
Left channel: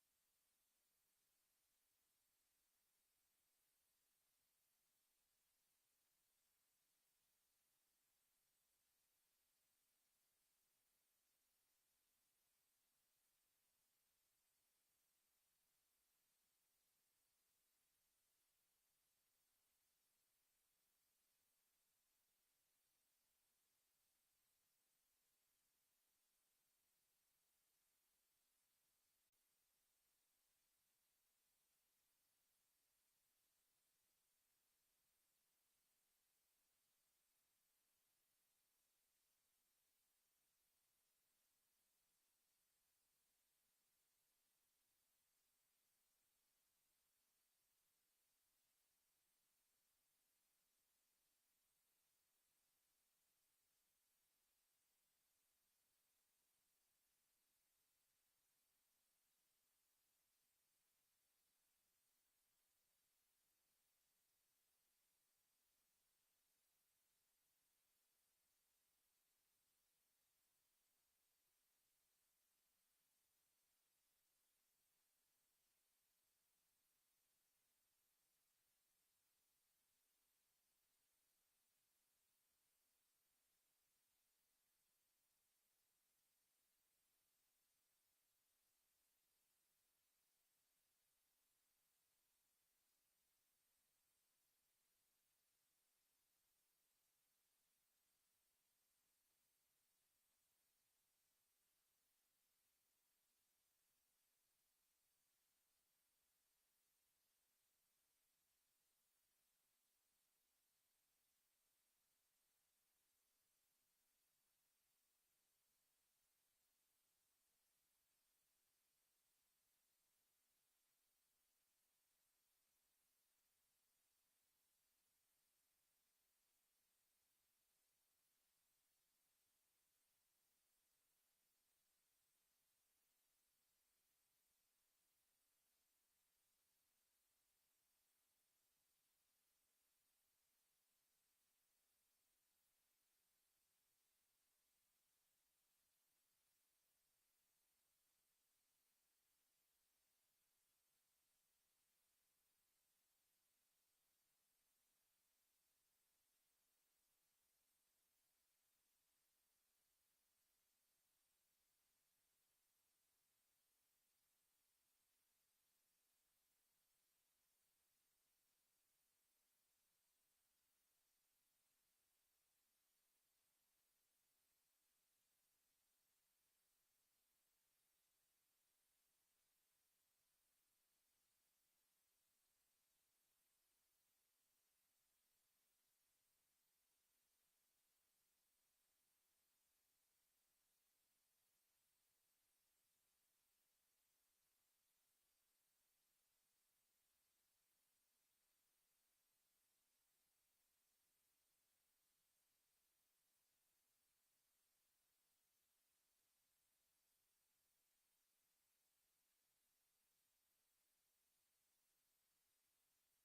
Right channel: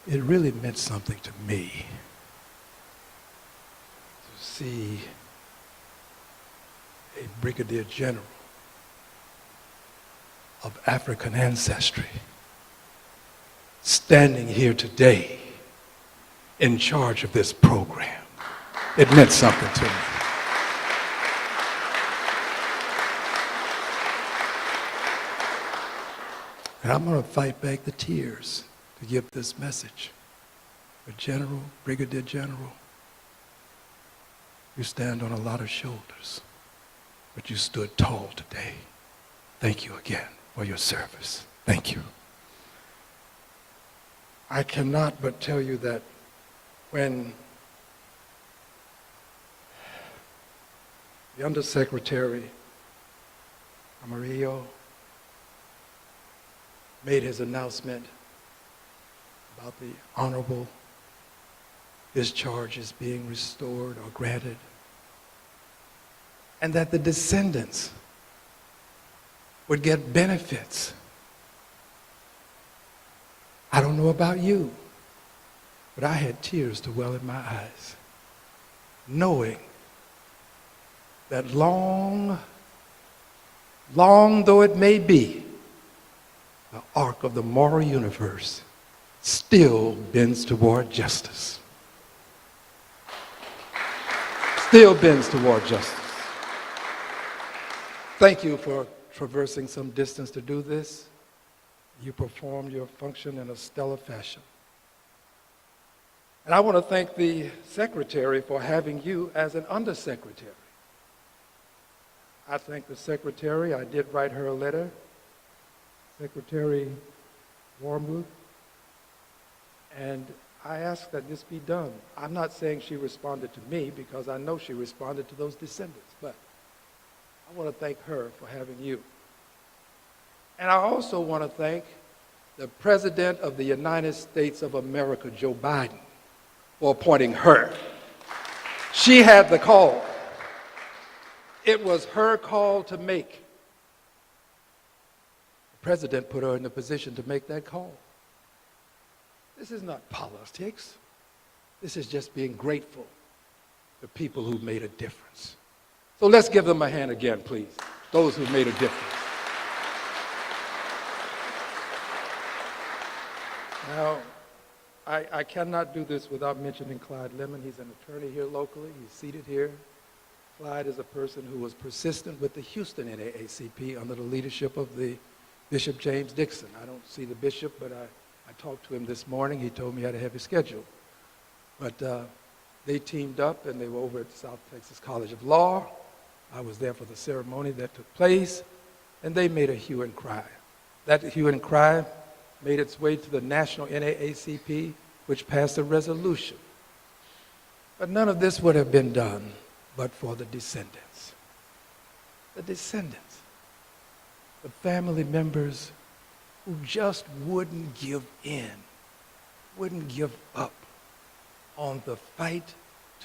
it really meant something to me to see a brigadier general of African ancestry standing here today in charge of this program. It meant something to me. And I'm going to fight back the tears to give this message. But General, Brigadier General, you stand on a lot of shoulders, but you stood tall today. Thank you again for your service. Thank you. I cannot but tell you that when the Undersecretary Amarillo made his announcement about the honorable discharges being restored or granted, and that the descendants would get benefits. I don't know about you, but I had tears to well in my eyes, knowing that long though it may be, the arc of the moral universe still bends toward justice. Still bends toward justice. Thank you for traversing some distance to do this. You performed your function in a stellar fashion. And I want to thank the Secretary for having you as an Undersecretary. I thank the Secretary. I did write her a letter. Secretary Wormuth, and I asked that this be done. I'm not saying she responded to me because I know she responded to those descendants, but I want to thank her for having you. And I also want to thank the President of the United States of America, Joe Biden, for appointing her. She had the call. It was her call to make. President put her in the position to make that call. This is not politics. This is just being grateful to people who made a difference. So let's give them a hand again, please, those who made a difference. Now, I cannot do this without mentioning Clyde Lemon. He's an attorney here locally. He's seated here. Clyde is a person who was persistent with the Houston NAACP under the leadership of the Bishop James Dixon. I don't see the bishop, but I talked to him this morning. He told me he had a heavy schedule. But they teamed up, and they were over at the South Texas College of Law. I was there for the ceremony that took place, and they made a hue and cry. That hue and cry made its way to the national NAACP, which passed a resolution. But none of this would have been done but for the descendants. The descendants. The family members who just wouldn't give in, wouldn't give up on the fight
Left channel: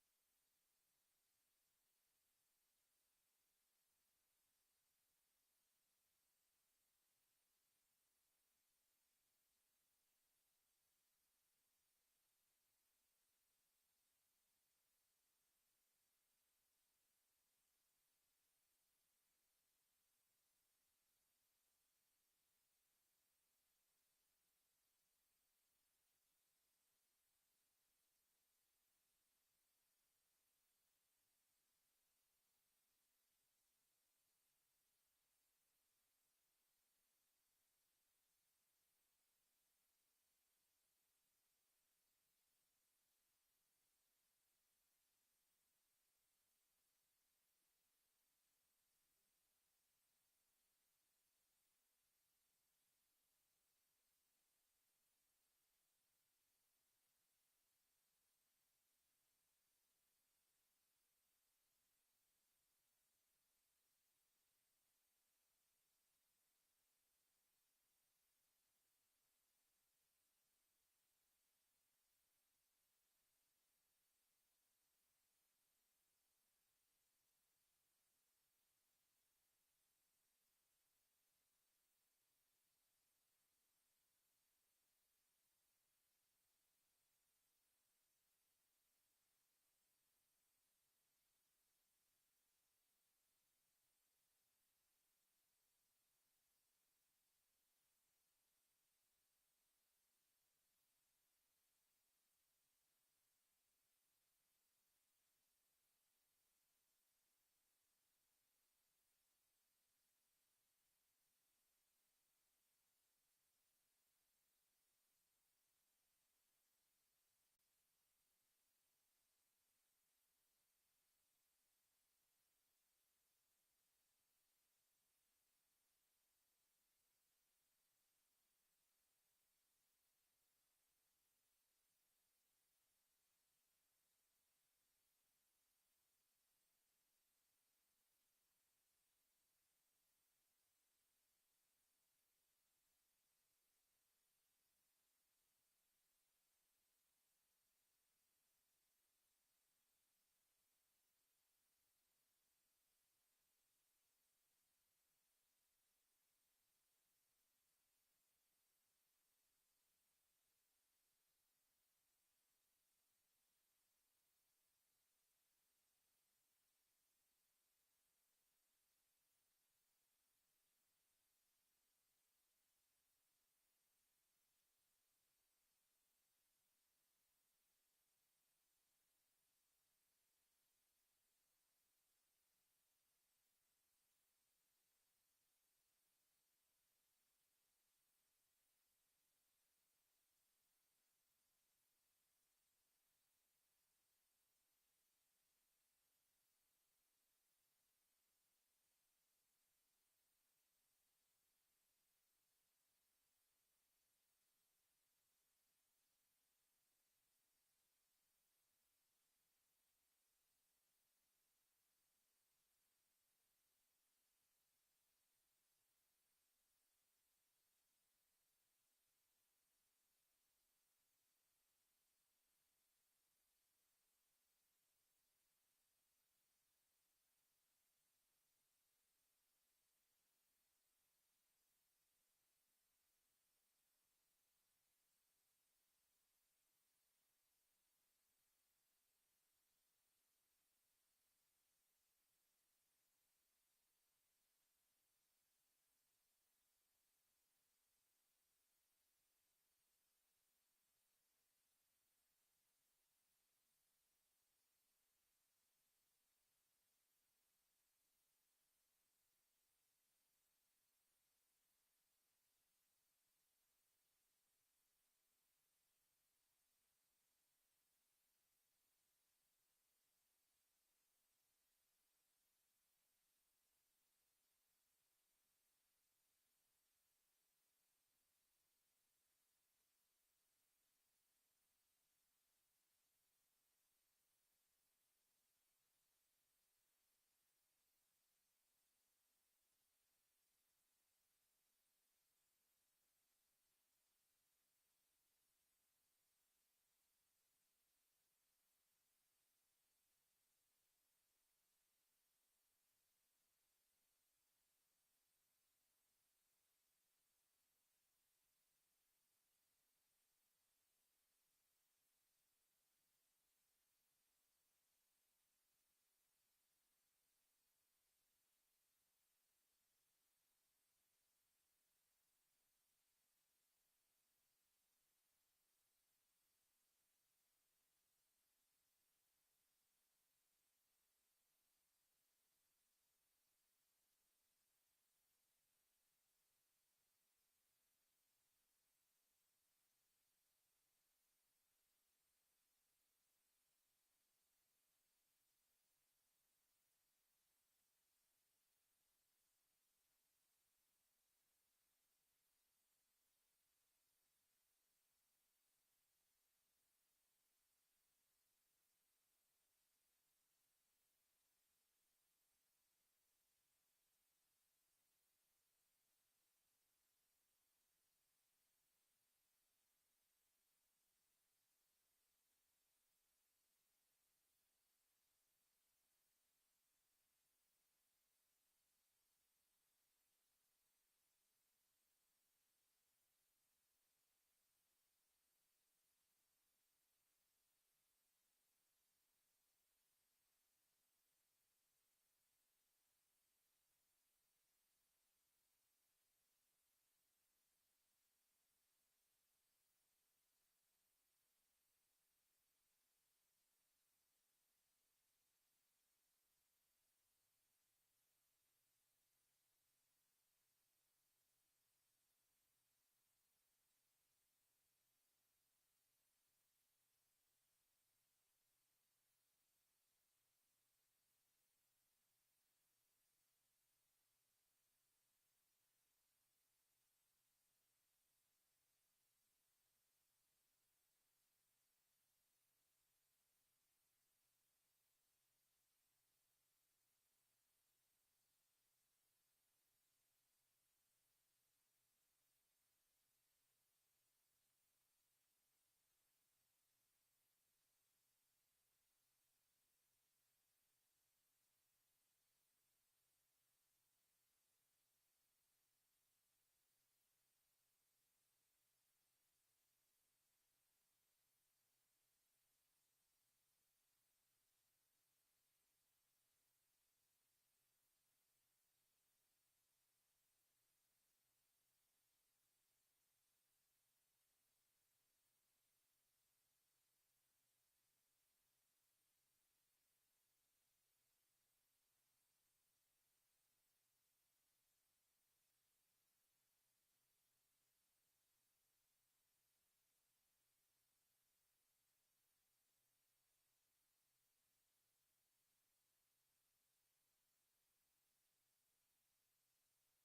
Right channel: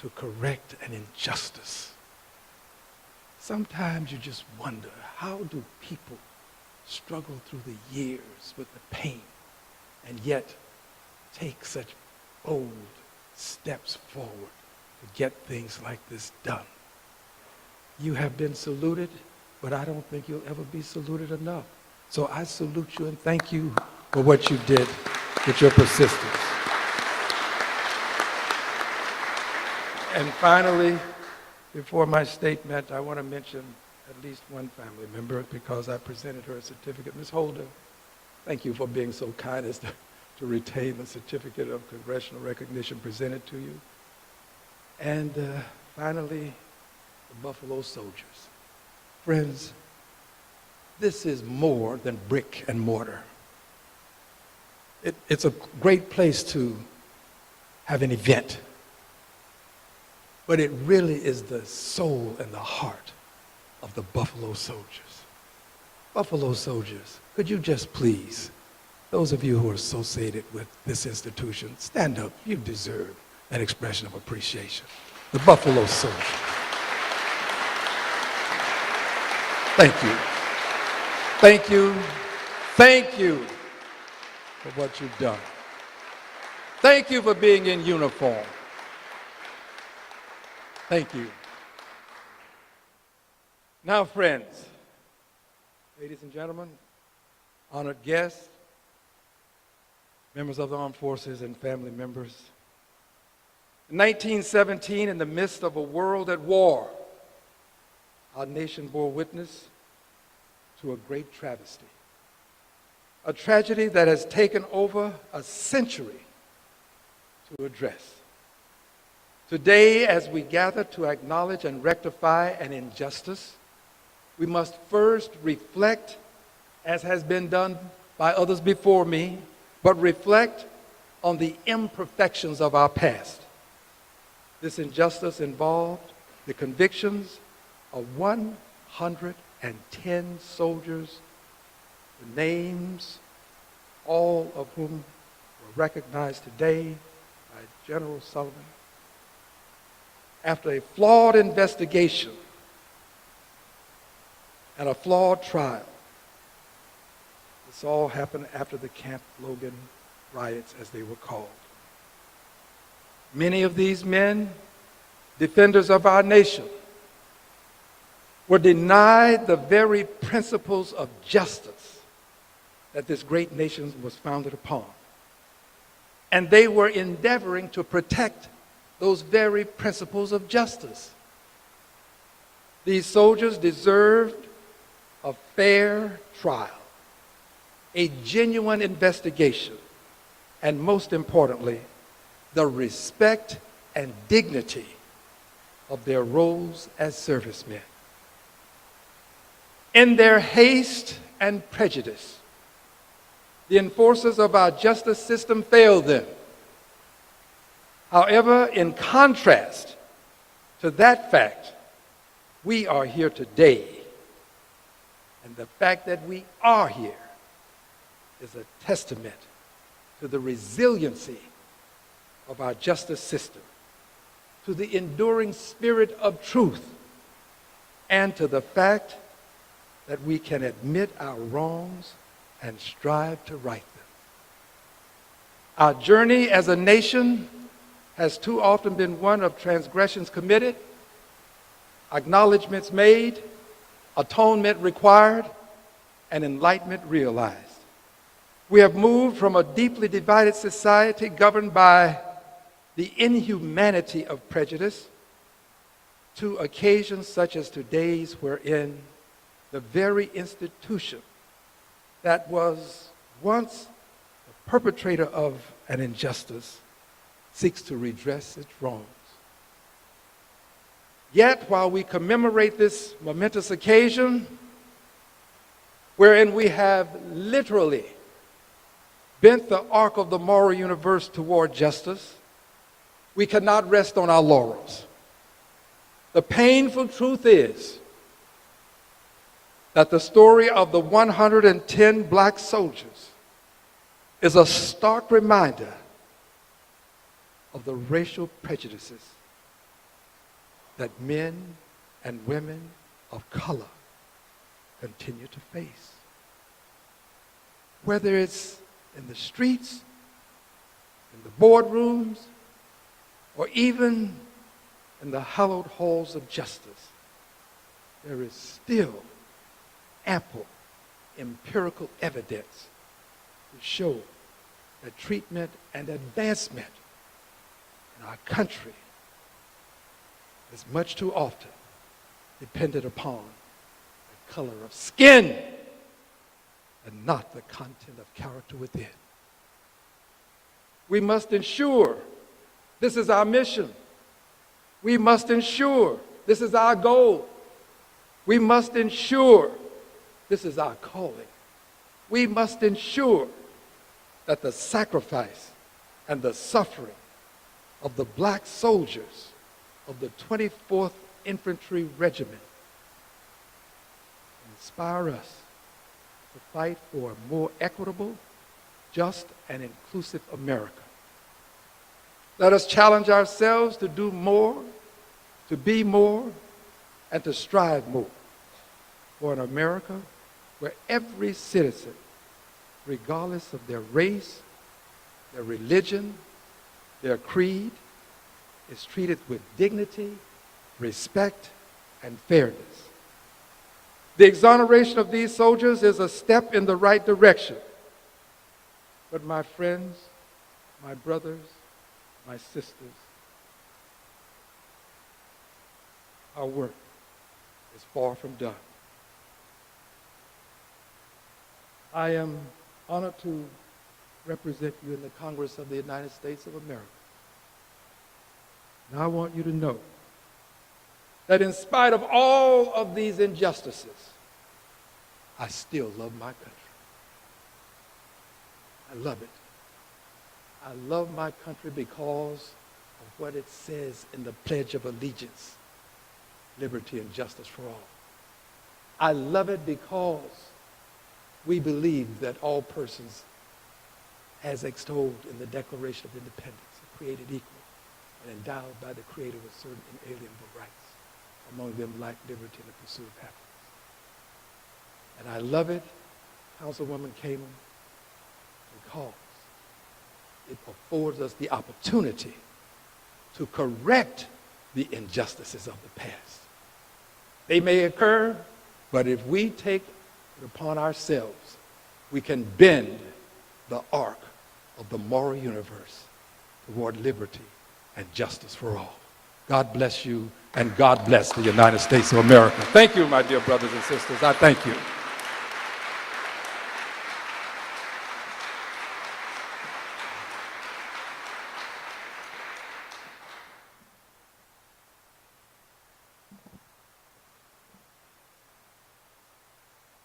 to correct an injustice. Sometimes you just wonder, how do people struggle through the years with the pain and yet take such bold steps forward to get things like this done? You have been saluted, but I don't think you'll ever be saluted enough. So I salute you and thank you for what you did with your persistence. And finally, before my statement, I want to mention at least one family member because I presented her a certificate. Ms. Holder, thank you for being so kind as to retain the certificate of congressional recognition presented to you. And finally, the Buffalo Soldiers. Friends, this is more than brick and mortar. It's a great place to have an event, but it really is the soul and the heart of the Buffalo Soldiers. Buffalo Soldiers, could you just please, those of you who are associated with this institution, stand up. You deserve an expression of appreciation. The Buffalo Soldiers. Thank you. Thank you. Thank you for what you've done. Thank you for being in uniform. Thank you. Now, friends, ladies and gentlemen, honored guests, members of the armed forces and family members. In 1917, in the midst of a world at war, our nation bore witness to a great travesty, a tragedy that has taken over a century to address. Today, as we gather to acknowledge and rectify an injustice, we must first reflect, as has been done by others before me, but reflect on the imperfections of our past. This injustice involved the convictions of 110 soldiers, the names, all of whom were recognized today by General Sullivan. After a flawed investigation and a flawed trial, this all happened after the Camp Logan riots, as they were called. Many of these men, defenders of our nation, were denied the very principles of justice that this great nation was founded upon. And they were endeavoring to protect those very principles of justice. These soldiers deserved a fair trial, a genuine investigation, and most importantly, the respect and dignity of their roles as servicemen. In their haste and prejudice, the enforcers of our justice system failed them. However, in contrast to that fact, we are here today. And the fact that we are here is a testament to the resiliency of our justice system, to the enduring spirit of truth, and to the fact that we can admit our wrongs and strive to right them. Our journey as a nation has too often been one of transgressions committed, acknowledgments made, atonement required, and enlightenment realized. We have moved from a deeply divided society governed by the inhumanity of prejudice to occasions such as today's, wherein the very institution that was once the perpetrator of an injustice seeks to redress its wrongs. Yet, while we commemorate this momentous occasion, wherein we have literally bent the arc of the moral universe toward justice, we cannot rest on our laurels. The painful truth is that the story of the 110 black soldiers is a stark reminder of the racial prejudices that men and women of color continue to face. Whether it's in the streets, in the boardrooms, or even in the hallowed halls of justice, there is still ample empirical evidence to show that treatment and advancement in our country is much too often dependent upon the color of skin and not the content of character within. We must ensure this is our mission. We must ensure this is our goal. We must ensure this is our calling. We must ensure that the sacrifice and the suffering of the black soldiers of the 24th Infantry Regiment inspire us to fight for a more equitable, just, and inclusive America. Let us challenge ourselves to do more, to be more, and to strive more for an America where every citizen, regardless of their race, their religion, their creed, is treated with dignity, respect, and fairness. The exoneration of these soldiers is a step in the right direction. But my friends, my brothers, my sisters, our work is far from done. I am honored to represent you in the Congress of the United States of America. And I want you to know that in spite of all of these injustices, I still love my country. I love it. I love my country because of what it says in the Pledge of Allegiance, liberty and justice for all. I love it because we believe that all persons, as extolled in the Declaration of Independence, are created equal and endowed by the Creator with certain inalienable rights, among them life, liberty, and the pursuit of happiness. And I love it, Councilwoman Kamen, because it affords us the opportunity to correct the injustices of the past. They may occur, but if we take it upon ourselves, we can bend the arc of the moral universe toward liberty and justice for all. God bless you, and God bless the United States of America. Thank you, my dear brothers and sisters. I thank you.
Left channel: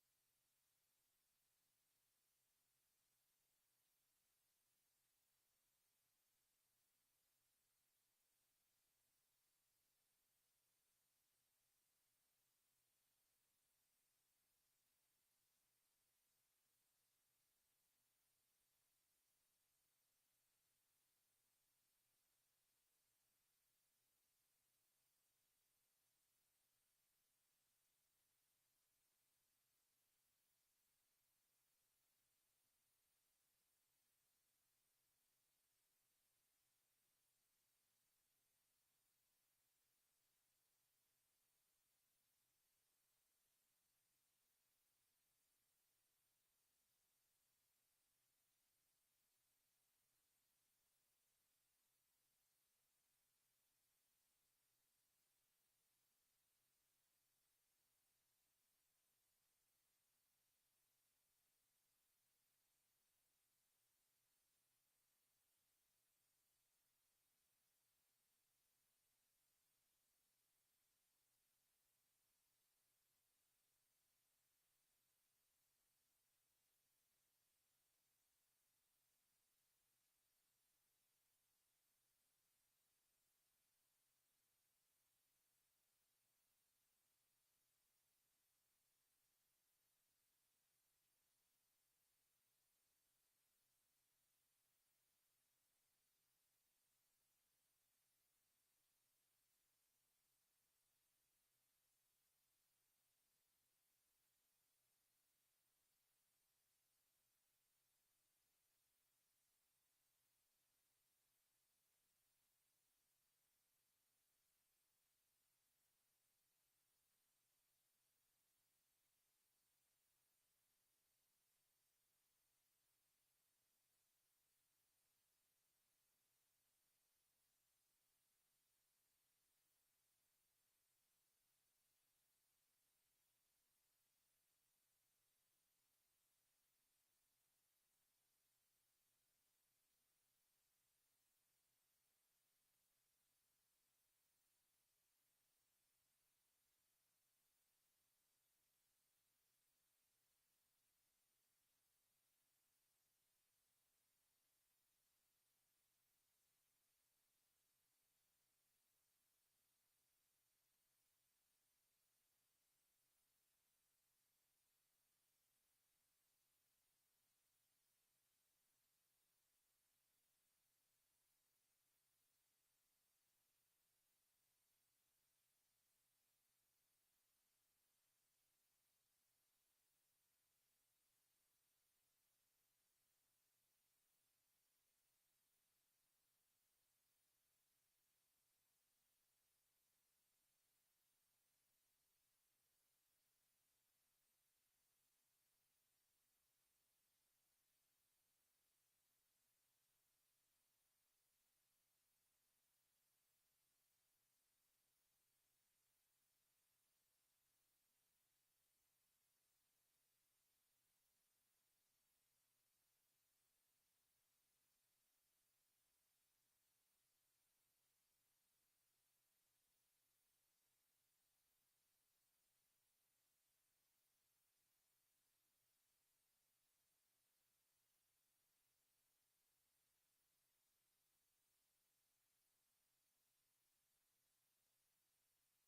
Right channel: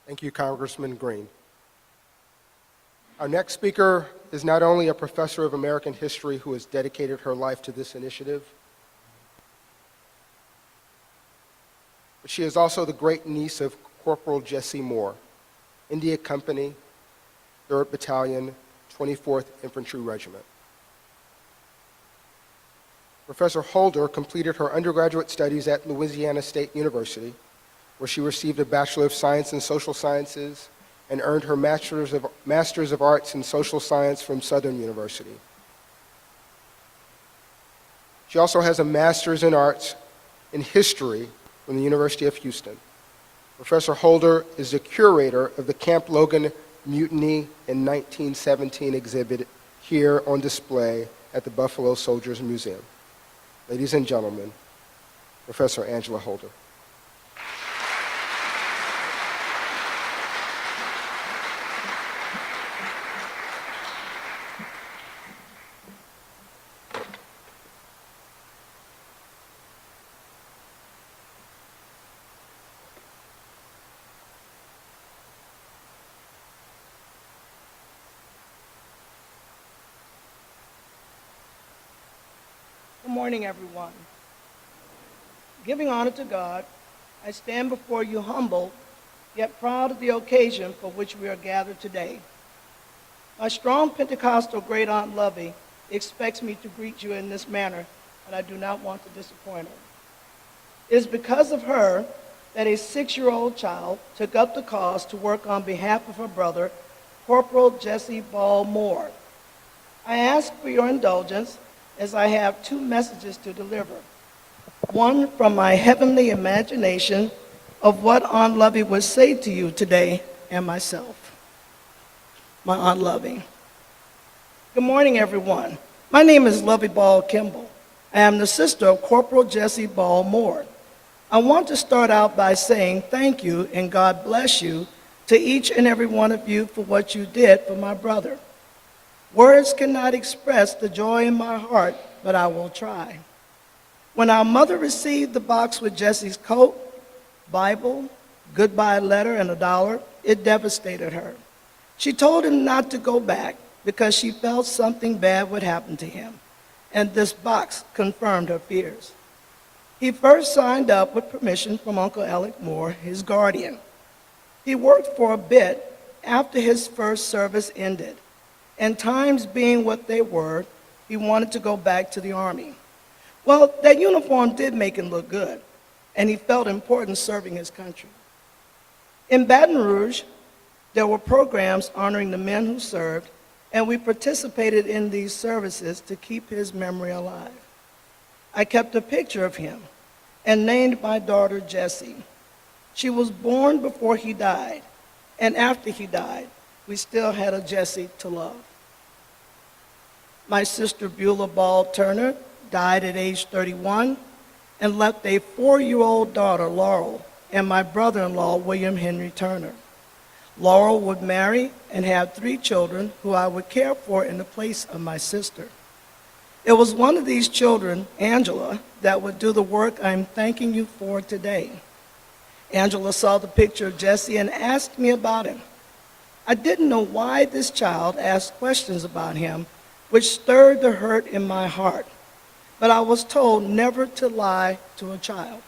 Thank you, Congressman Green. Our next speaker is not only a professor of American history who has dedicated her life to this initiative, but she is also the great niece of Corporal Jesse Moore, India Company, 3rd Battalion, 24th Infantry Regiment. Professor Holder completed her undergraduate studies at Louisiana State University, where she received a Bachelor of Science in Social Sciences and earned her Master's of Arts in Social Science from Southern University. She also has a Master's in Arts in History from the University of Houston. Professor Holder is the curator of the Camp Logan Mutiny in 1917 exhibit here on display at the Buffalo Soldiers Museum. Ladies and gentlemen, Professor Angela Holder. Good morning, everyone. Giving honor to God, I stand before you humble, yet proud of the occasion for which we are gathered today. My strong Pentecostal great aunt Lovey expects me to greet you in this manner, and I do not want to disappoint her. It is because of her that a 6-year-old child took up the cause to work on behalf of her brother, Corporal Jesse Ball Moore. I ask for your indulgence as I have 2 messages to deliver. One from my heavenly imagination of what Aunt Lovey would say to you today, and myself. My Aunt Lovey. Good morning, everyone. My name is Lovey Ball Kimball. I am the sister of Corporal Jesse Ball Moore. I want to start out by saying thank you and God bless you to each and every one of you for what you did for my brother. Words cannot express the joy in my heart, but I will try. When our mother received the box with Jesse's coat, Bible, goodbye letter, and $1, it devastated her. She told him not to go back because she felt something bad would happen to him, and this box confirmed her fears. He first signed up with permission from Uncle Alec Moore, his guardian. He worked for a bit after his first service ended, and times being what they were, he wanted to go back to the Army. Well, that uniform did make him look good, and he felt important serving his country. In Baton Rouge, there were programs honoring the men who served, and we participated in these services to keep his memory alive. I kept a picture of him and named my daughter Jessie. She was born before he died, and after he died, we still had a Jessie to love. My sister Beulah Ball Turner died at age 31 and left a 4-year-old daughter, Laurel, and my brother-in-law, William Henry Turner. Laurel would marry and have 3 children who I would care for in the place of my sister. It was one of these children, Angela, that would do the work I'm thanking you for today. Angela saw the picture of Jesse and asked me about him. I didn't know why this child asked questions about him, which stirred the hurt in my heart, but I was told never to lie to a child.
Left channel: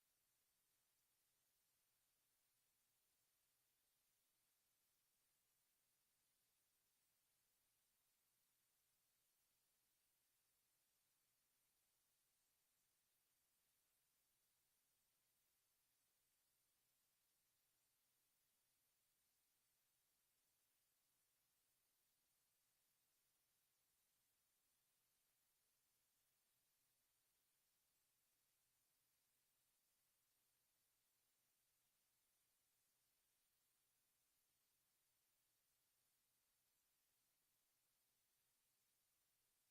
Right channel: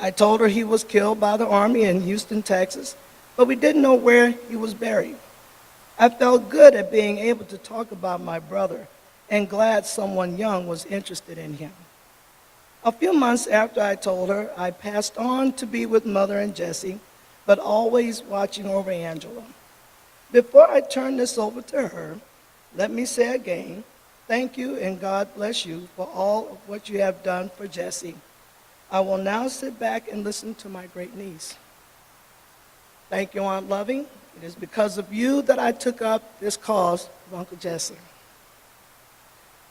I told her he was killed by the Army in Houston, Texas, but we didn't know where he was buried. I felt good at being able to talk about my brother and glad someone young was interested in him. A few months after I told her, I passed on to be with Mother and Jesse, but always watching over Angela. Before I turn this over to her, let me say again, thank you and God bless you for all of what you have done for Jesse. I will now sit back and listen to my great niece. Thank you, Aunt Loving. It is because of you that I took up this cause of Uncle Jesse.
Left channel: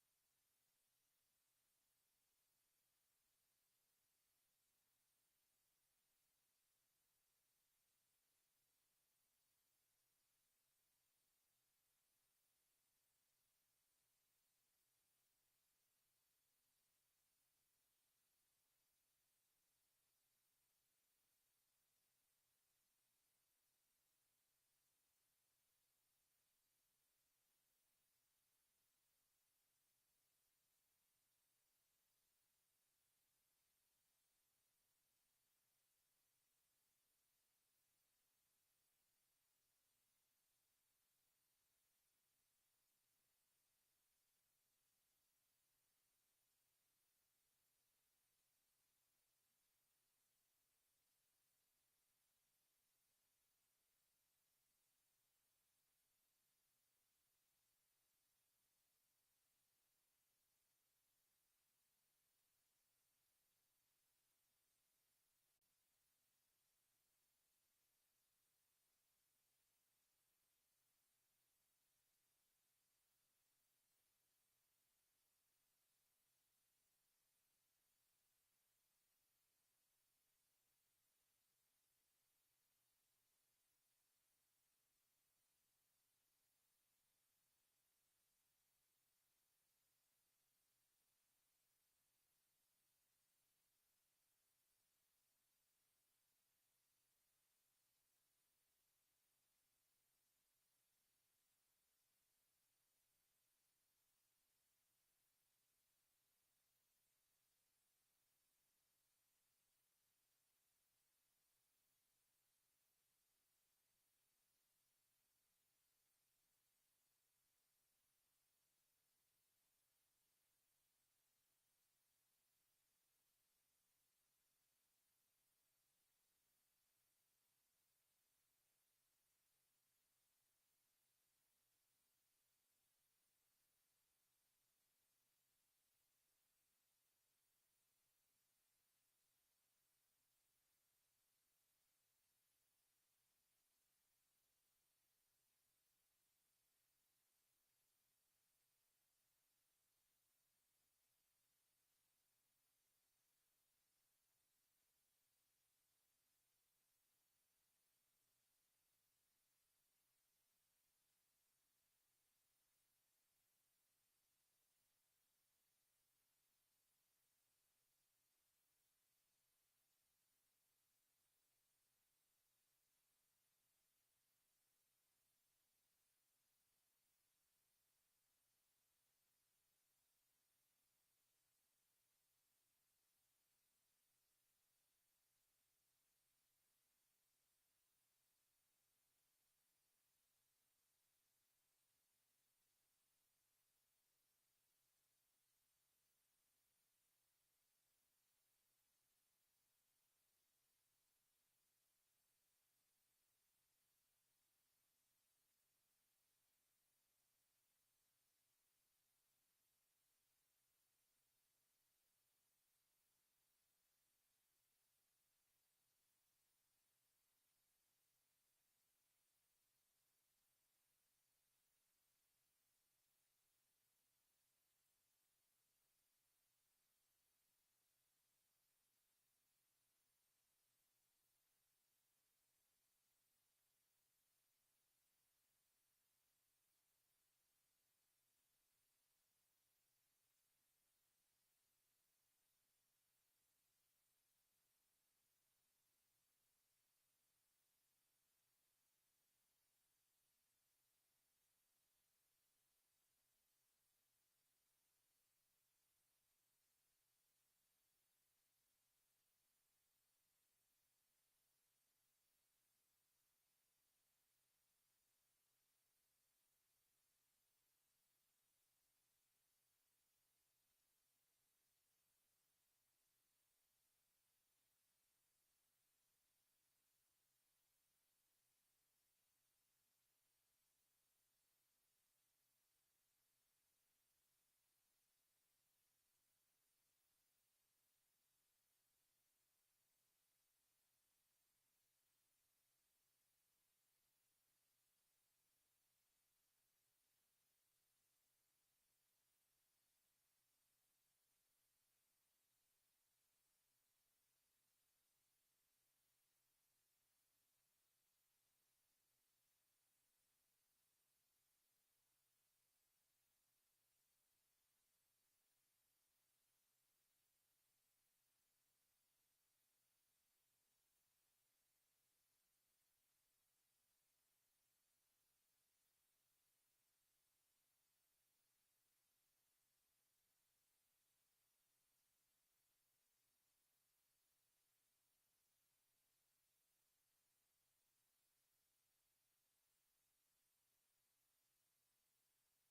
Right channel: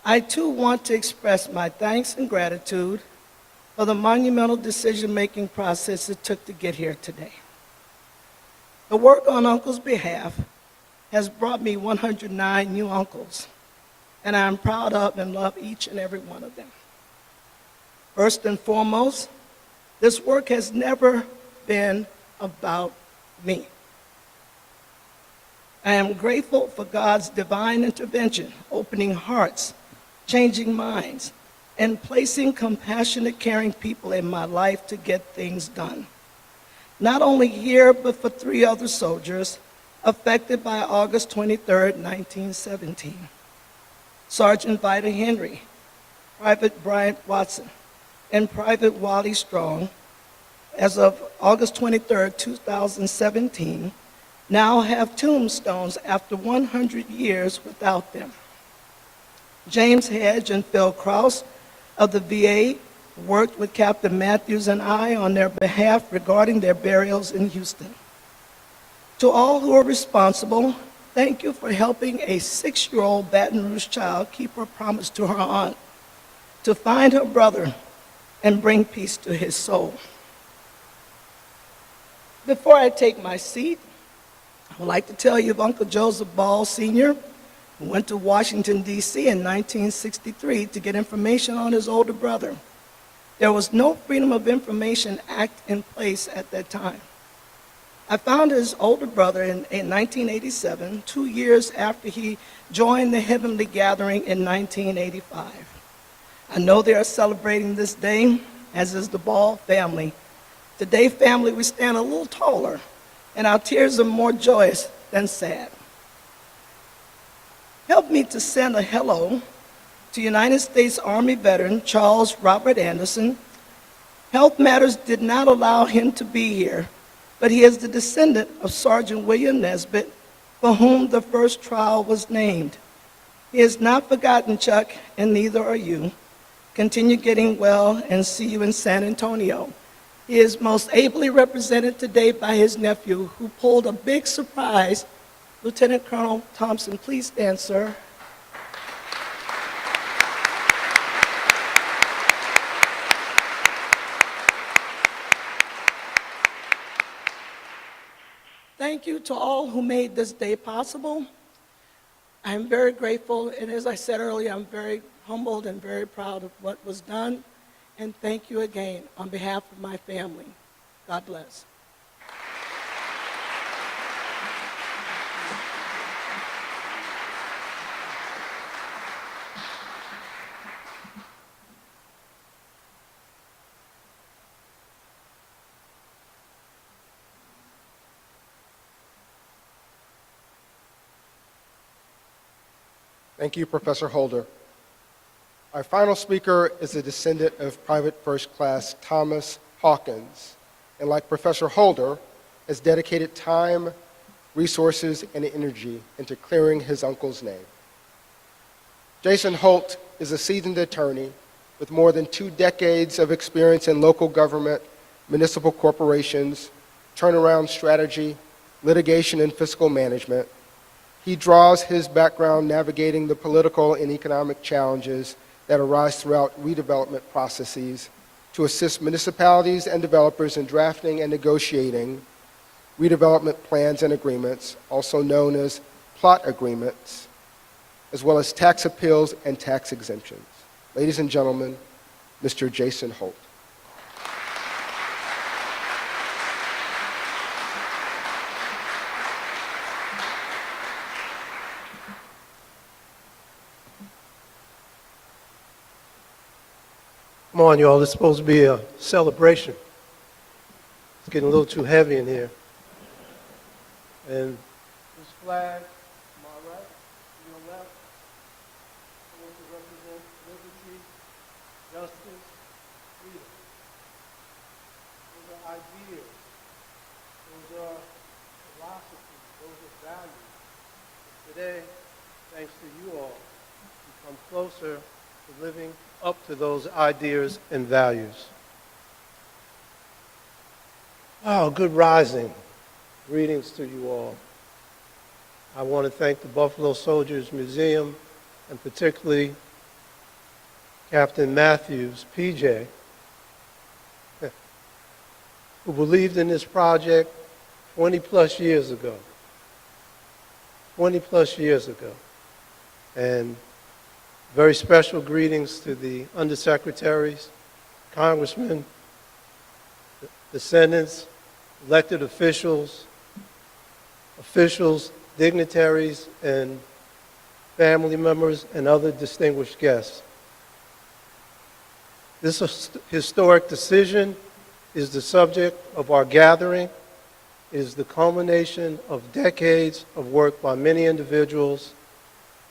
I too want to express my thanks and gratitude for the monumental decision-making process it took to get here today. The work on Uncle's behalf has brought me 109 new uncles, and I am proud of and love each and every one of them. First and foremost, this work has never been about me. I am grateful for God's divine intervention, opening hearts, changing minds, and placing compassionate, caring people in my life to get things done. Not only here, but for 3 other soldiers affected by August 23, 1917. Sergeant Vida Henry, Private Bryant Watson, and Private Wally Strong, as of August 23, 2017, now have tombstones after 100 years without them. James Hedge and Phil Krause of the VA worked with Captain Matthews and I on their behalf regarding their burials in Houston. To all who are responsible, thank you for helping a 6-year-old Baton Rouge child keep her promise to her aunt to find her brother and bring peace to his soul. Before I take my seat, I would like to tell you of Uncle Joseph Ball Sr., who went to Washington, D.C. in 1963 to get information on his older brother. There was no Freedom of Information Act in place at that time. I found his older brother in 1987, 2 years after he joined the Heavenly Gathering in 1985. I know they are celebrating this day, as is the Ball family. Today, family, we stand a little taller, and our tears are more joyous than sad. Help me to send a hello to United States Army veteran Charles Robert Anderson. Health matters did not allow him to be here, but he is the descendant of Sergeant William Nesbitt, for whom the first trial was named. He has not forgotten Chuck, and neither are you. Continue getting well, and see you in San Antonio. He is most ably represented today by his nephew, who pulled a big surprise. Lieutenant Colonel Thompson, please stand, sir. Thank you to all who made this day possible. I'm very grateful, and as I said earlier, I'm very humbled and very proud of what was done. And thank you again on behalf of my family. God bless. Thank you, Professor Holder. Our final speaker is a descendant of Private First Class Thomas Hawkins, and like Professor Holder, has dedicated time, resources, and energy into clearing his uncle's name. Jason Holt is a seasoned attorney with more than 2 decades of experience in local government, municipal corporations, turnaround strategy, litigation, and fiscal management. He draws his background navigating the political and economic challenges that arise throughout redevelopment processes to assist municipalities and developers in drafting and negotiating redevelopment plans and agreements, also known as plot agreements, as well as tax appeals and tax exemptions. Ladies and gentlemen, Mr. Jason Holt. Come on, y'all. It's supposed to be a celebration. It's getting a little too heavy in here. And this flag, to my right, to your left, supposed to represent liberty, justice, freedom. Those are ideas. Those are philosophies. Those are values. And today, thanks to you all, we come closer to living up to those ideas and values. Oh, good rising. Greetings to you all. I want to thank the Buffalo Soldiers Museum, and particularly Captain Matthews, PJ, who believed in this project 20 plus years ago. 20 plus years ago. And very special greetings to the undersecretaries, congressmen, descendants, elected officials, dignitaries, and family members, and other distinguished guests. This historic decision is the subject of our gathering. It is the culmination of decades of work by many individuals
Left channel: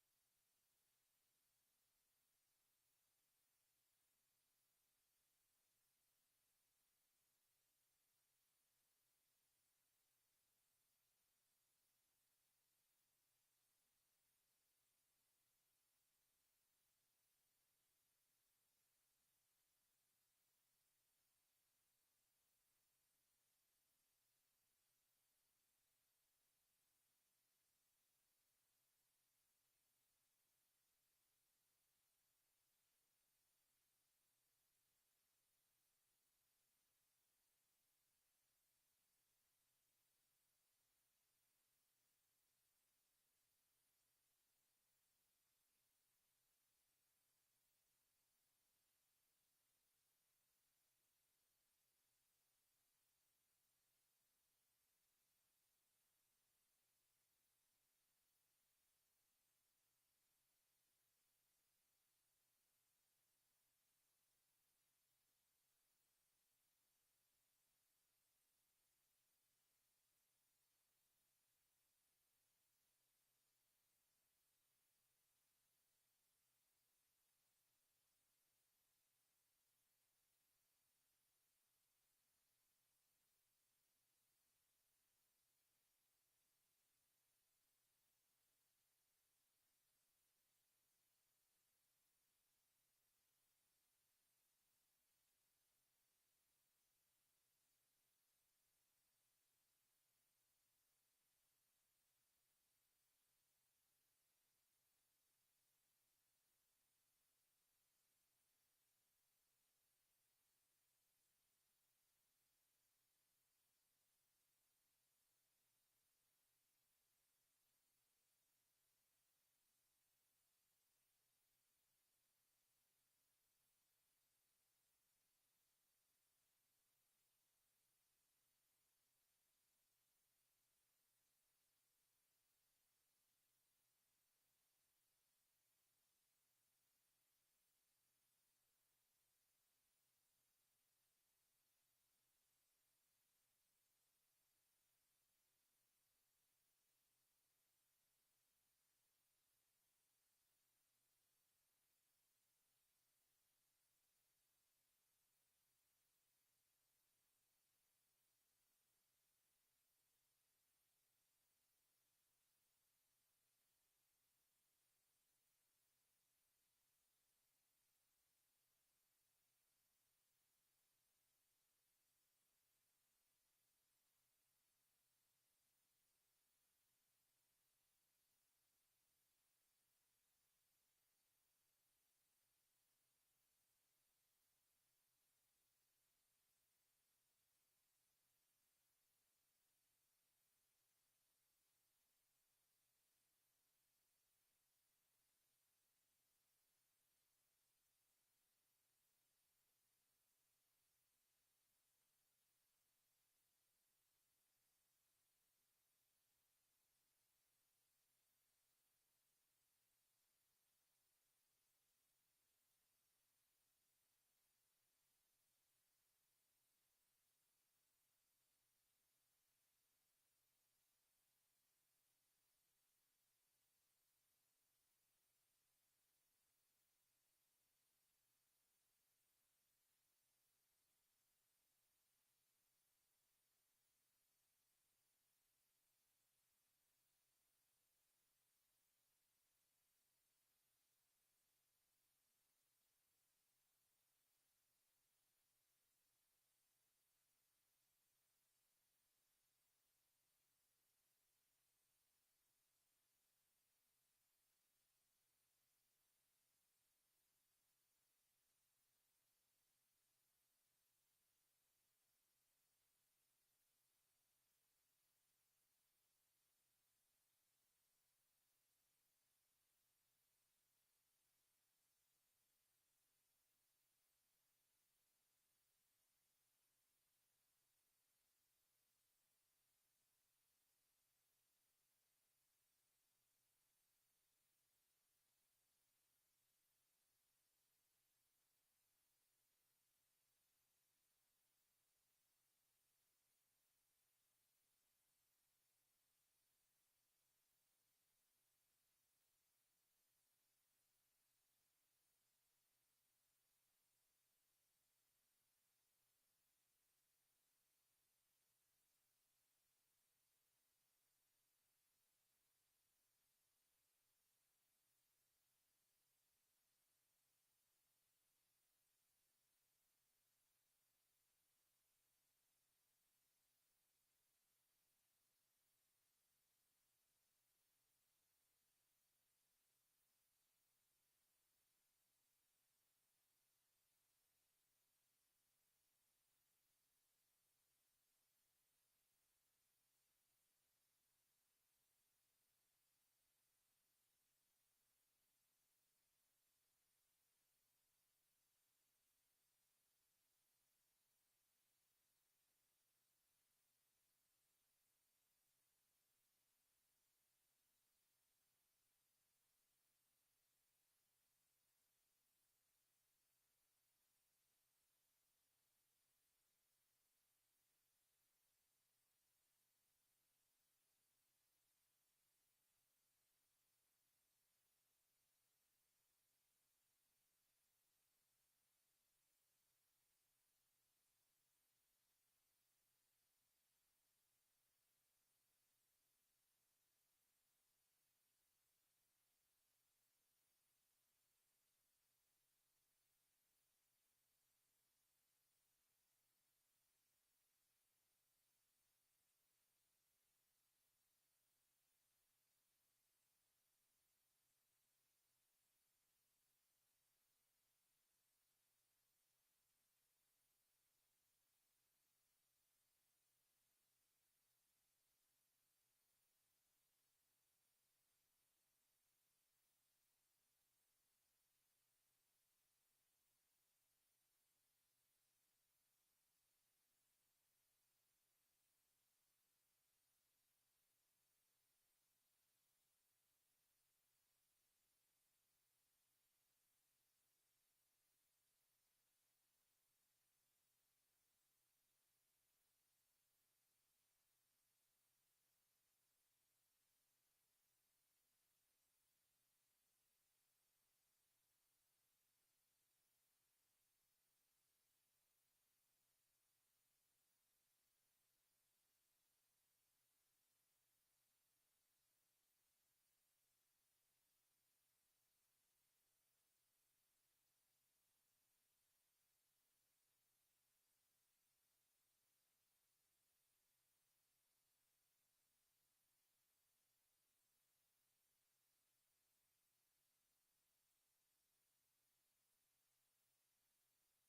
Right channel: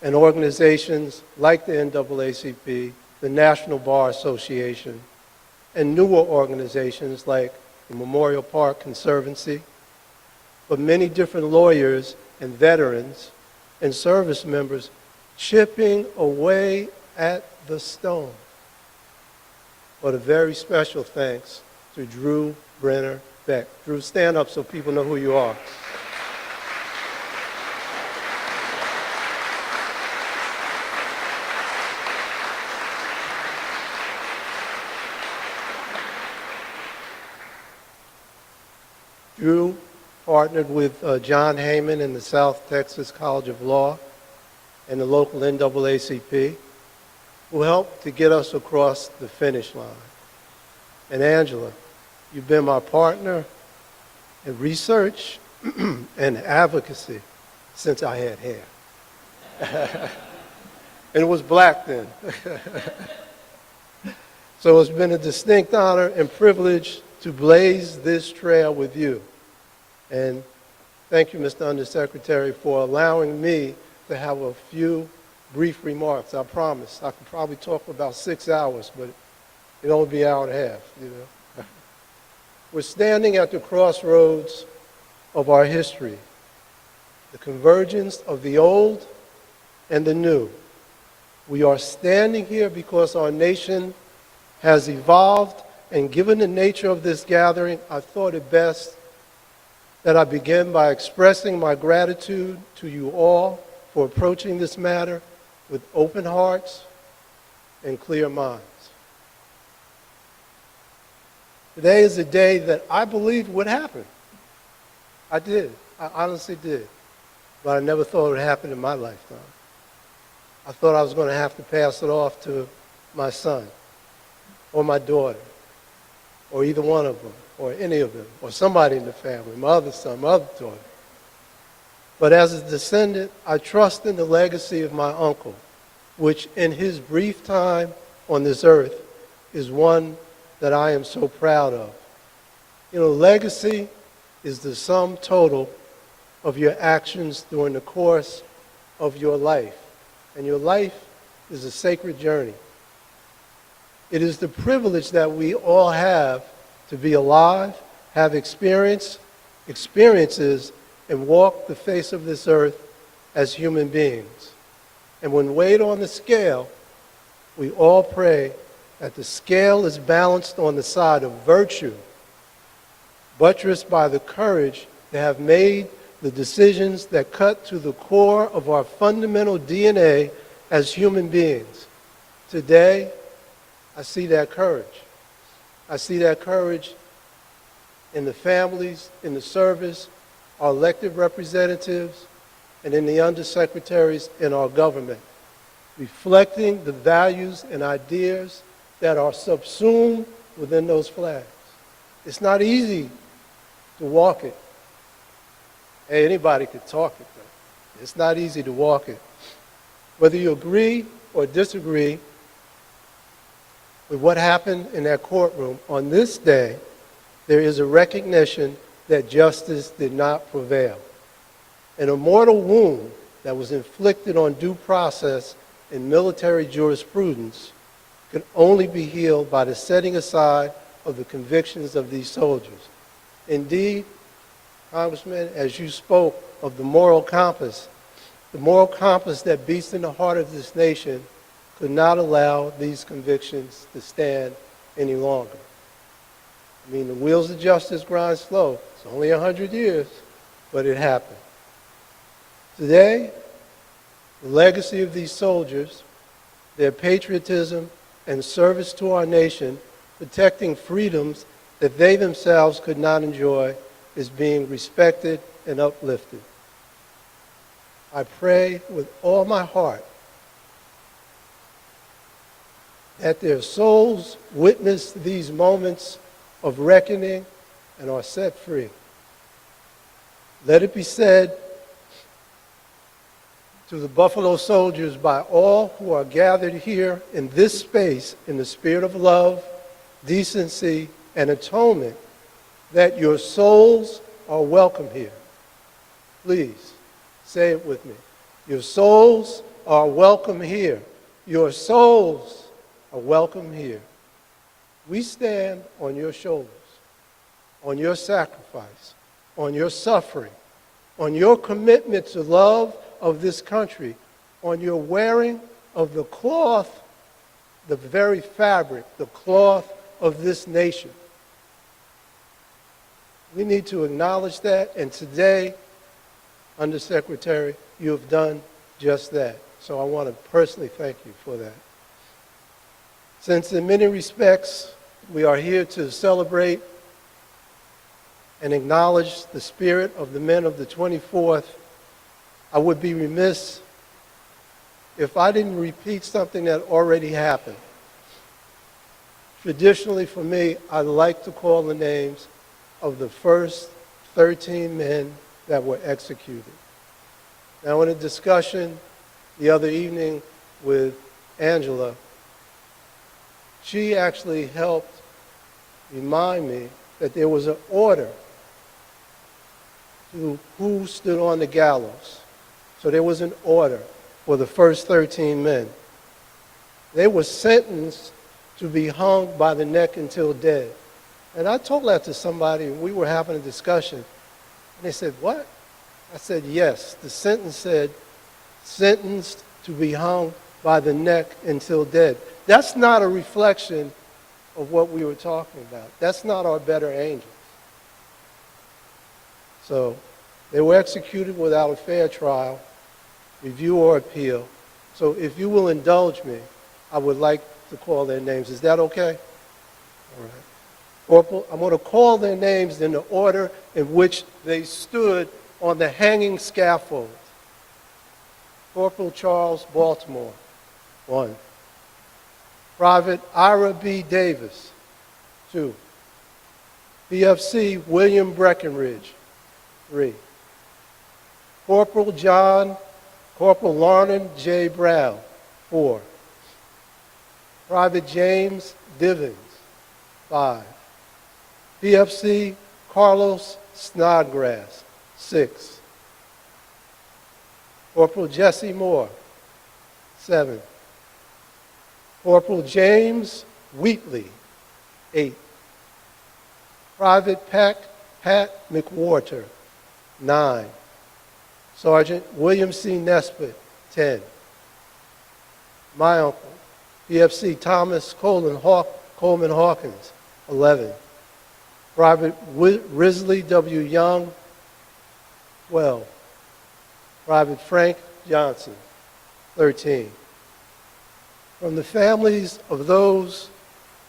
and organizations like the NAACP, the National Bar Association, and newer organizations like the Memorial Park Conservancy, but many different lawyers and veterans and service members chipping away at the stone. But a very special thanks to Drew Brenner Beck. Drew, stand up so people know who you are. Drew partnered with John Heyman in the South Texas College of Law and the local NAACP, who helped to get us across the finish line. And Angela, you've been my partner in research and advocacy since I had hair. And it was black then. So it's been a distinct honor and privilege to blaze this trail with you. And thank you, Mr. Undersecretary, for allowing me to have a few brief remarks. I promise. I could probably talk for about 6 hours, but it'll only be an hour and a half, you know. We're standing at the crossroads of our history, the convergence of the old and the new. We are standing here because our nation has evolved, and given the nature of this gathering, I thought it best that I begin by expressing my gratitude to you all for approaching this matter with open hearts and clear minds. Today is a day that I believed would happen. I did. I honestly did. But I never thought it would happen in my lifetime. I thought I was going to have to pass it off to my son or my daughter or either one of them or any of them or somebody in the family, my other son, my other daughter. But as a descendant, I trust in the legacy of my uncle, which in his brief time on this earth is one that I am so proud of. You know, legacy is the sum total of your actions during the course of your life. And your life is a sacred journey. It is the privilege that we all have to be alive, have experiences, and walk the face of this earth as human beings. And when weighed on the scale, we all pray that the scale is balanced on the side of virtue, buttressed by the courage to have made the decisions that cut to the core of our fundamental DNA as human beings. Today, I see that courage. I see that courage in the families, in the service, our elected representatives, and in the undersecretaries in our government, reflecting the values and ideas that are subsumed within those flags. It's not easy to walk it. Hey, anybody could talk it, though. It's not easy to walk it. Whether you agree or disagree with what happened in that courtroom, on this day, there is a recognition that justice did not prevail. An immortal wound that was inflicted on due process in military jurisprudence can only be healed by the setting aside of the convictions of these soldiers. Indeed, Congressman, as you spoke of the moral compass that beats in the heart of this nation could not allow these convictions to stand any longer. I mean, the wheels of justice grind slow. It's only 100 years, but it happened. Today, the legacy of these soldiers, their patriotism and service to our nation, protecting freedoms that they themselves could not enjoy, is being respected and uplifted. I pray with all my heart that their souls witness these moments of reckoning and are set free. Let it be said to the Buffalo Soldiers by all who are gathered here in this space in the spirit of love, decency, and atonement, that your souls are welcome here. Please, say it with me. Your souls are welcome here. Your souls are welcome here. We stand on your shoulders, on your sacrifice, on your suffering, on your commitment to love of this country, on your wearing of the cloth, the very fabric, the cloth of this nation. We need to acknowledge that, and today, Undersecretary, you have done just that. So I want to personally thank you for that. Since in many respects, we are here to celebrate and acknowledge the spirit of the men of the 24th, I would be remiss if I didn't repeat something that already happened. Traditionally for me, I like to call the names of the first 13 men that were executed. Now, in a discussion the other evening with Angela, she actually helped remind me that there was an order to who stood on the gallows. So there was an order for the first 13 men. They were sentenced to be hung by the neck until dead. And I told that to somebody, and we were having a discussion. And they said, what? I said, yes. The sentence said, sentenced to be hung by the neck until dead. That's not a reflection of what we were talking about. That's not our better angels. So they were executed without a fair trial, review or appeal. So if you will indulge me, I would like to call their names. Is that okay? All right. Corporal, I'm going to call their names in the order in which they stood on the hanging scaffold. Corporal Charles Baltimore, 1. Private Ira B. Davis, 2. PFC William Breckenridge, 3. Corporal Lornan J. Brown, 4. Private James Divins, 5. PFC Carlos Snodgrass, 6. Corporal Jesse Moore, 7. Corporal James Wheatley, 8. Private Pat McWhorter, 9. Sergeant William C. Nesbitt, 10. My uncle, PFC Thomas Coleman Hawkins, 11. Private Risley W. Young, 12. Private Frank Johnson, 13. From the families of those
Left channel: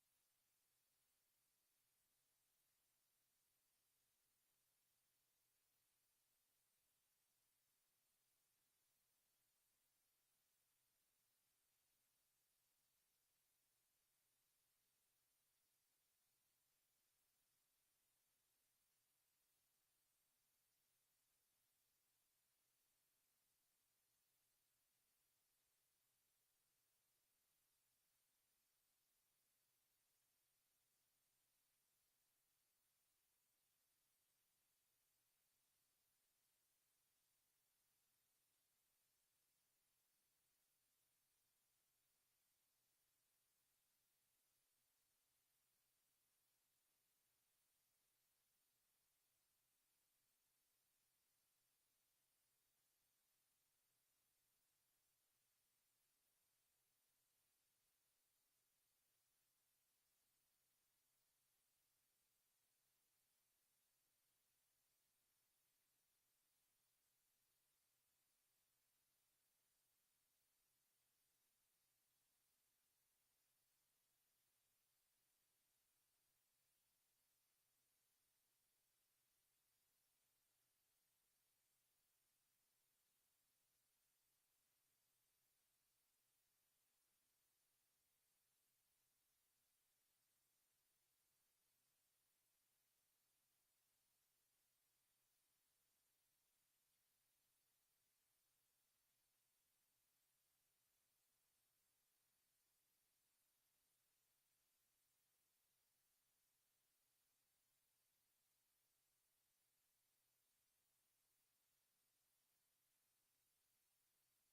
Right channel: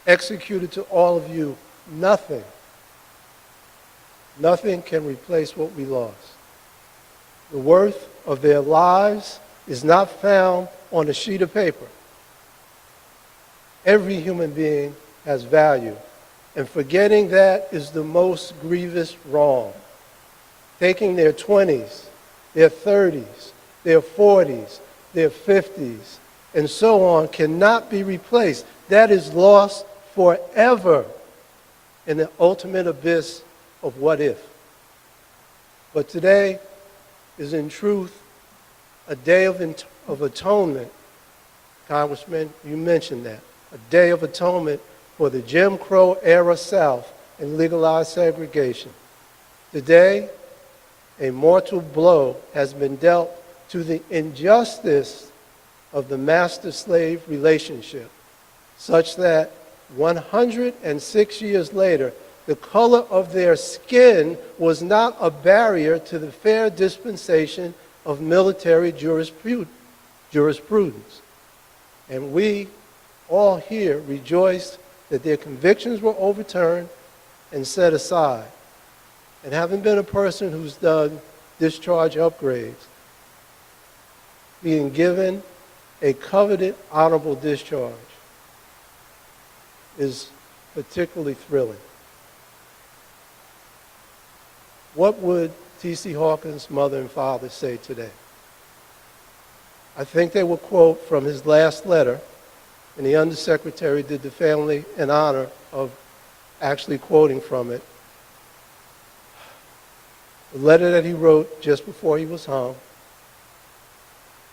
executed to all of you, nothing can replace what we lost. The worth of their lives is not found on a sheet of paper. Every human being has value, and forgetting that is the most grievous wrong. Taking their 20s, their 30s, their 40s, their 50s, and so on cannot be replaced. That is lost forever in the ultimate abyss of what if. But today is in truth a day of atonement. Congressman, you mentioned that. A day of atonement for the Jim Crow era South and legalized segregation. Today, a mortal blow has been dealt to the injustice of the master-slave relationship, such that 106 years later, the color of their skin was not a barrier to the fair dispensation of military jurisprudence. And we all here rejoice that their convictions were overturned and set aside. And having been a person who's done discharge upgrades, being given a coveted honorable discharge is particularly thrilling. What would T.C. Hawkins' mother and father say today? I think they will quote from his last letter, and the Undersecretary did the family an honor of actually quoting from it. The letter that he wrote just before he was hung.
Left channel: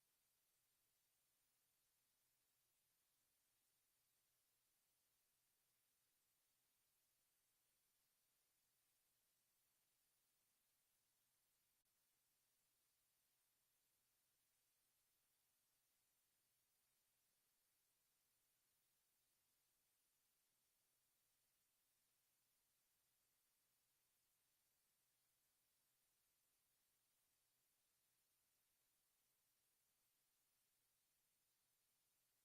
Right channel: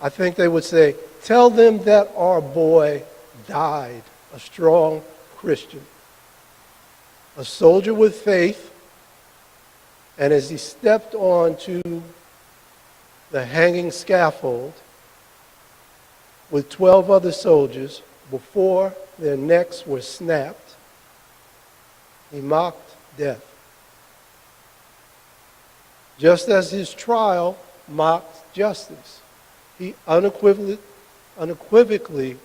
I think they would say, tell them that our boy died, a strong Christian, a soldier with faith, and as he stepped onto the hanging scaffold with 12 other soldiers, before their necks were snapped, he mocked death. Just as his trial mocked justice. He unequivocally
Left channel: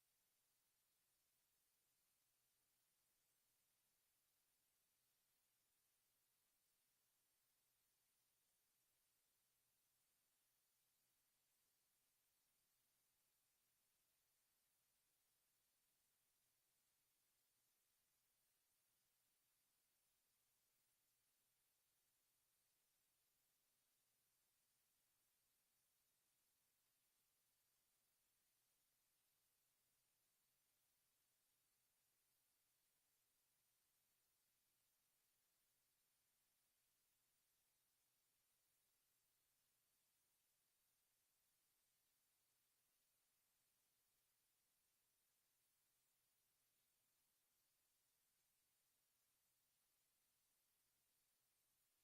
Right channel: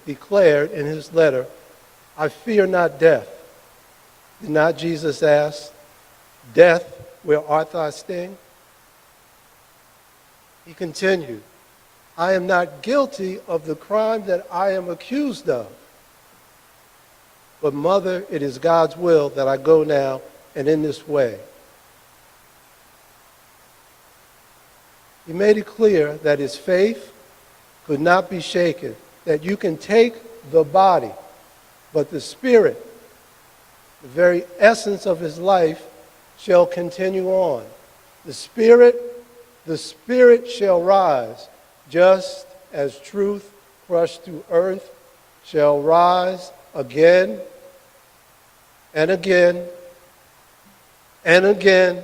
declared in his letter, I fear not death. Did not Jesus ask, death, where art thou sting? He continued, I am not guilty of the crime that I am accused of. But mother, it is God's will that I go now and in this way. He made it clear that his faith could not be shaken, that you can take the body, but the spirit, the very essence of his life, shall continue on. The spirit shall rise, just as truth crushed to earth shall rise again and again and again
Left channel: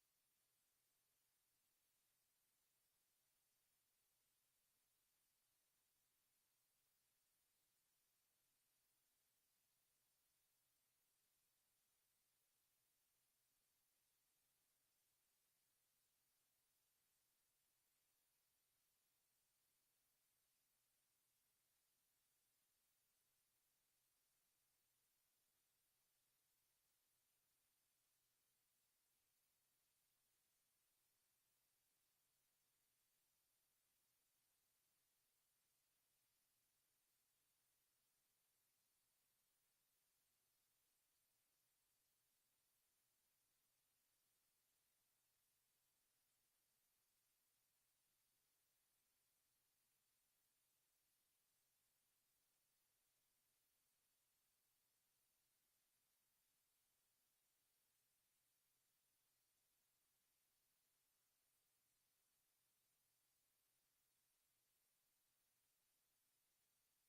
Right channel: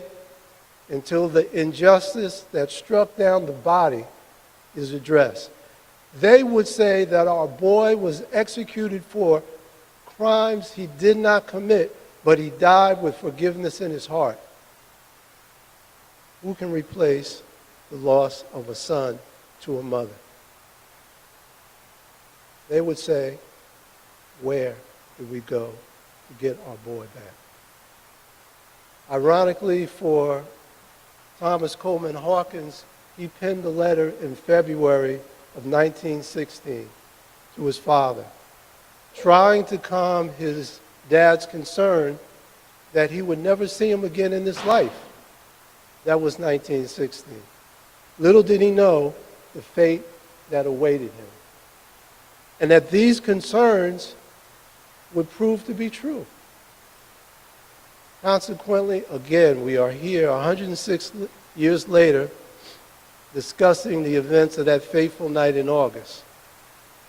until the injustice that struck down the body is addressed. They would say that our boy was executed for crimes he did not commit, but he died with forgiveness in his heart. Who can replace the loss of a son to a mother? They would say, where do we go to get our boy back? Ironically, for Thomas Coleman Hawkins, he penned a letter in February of 1916 to his father, trying to calm his dad's concern that he would never see him again in this life. That was 1916. Little did he know the fate that awaited him, and that these concerns would prove to be true. Consequently, again, we are here 106 years later discussing the events of that fateful night in August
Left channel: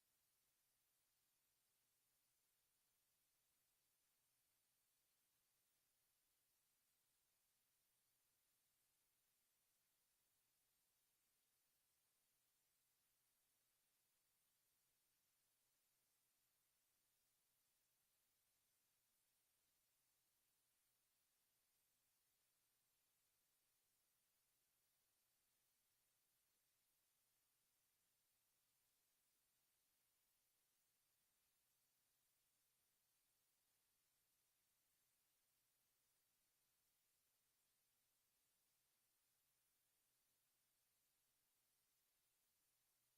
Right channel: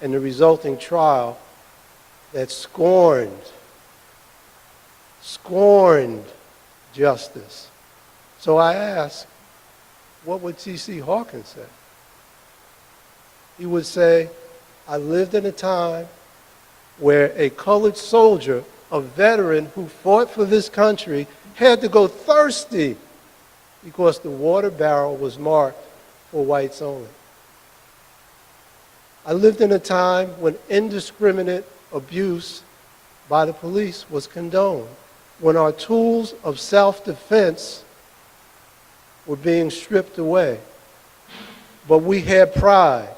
and the resulting trial that scorned justice. So I ask, what would T.C. Hawkins say? He would say, I lived in a time where a colored soldier, a veteran who fought for this country, had to go thirsty because the water barrel was marked for whites only. I lived in a time when indiscriminate abuse by the police was condoned, when our tools of self-defense were being stripped away. But we had pride,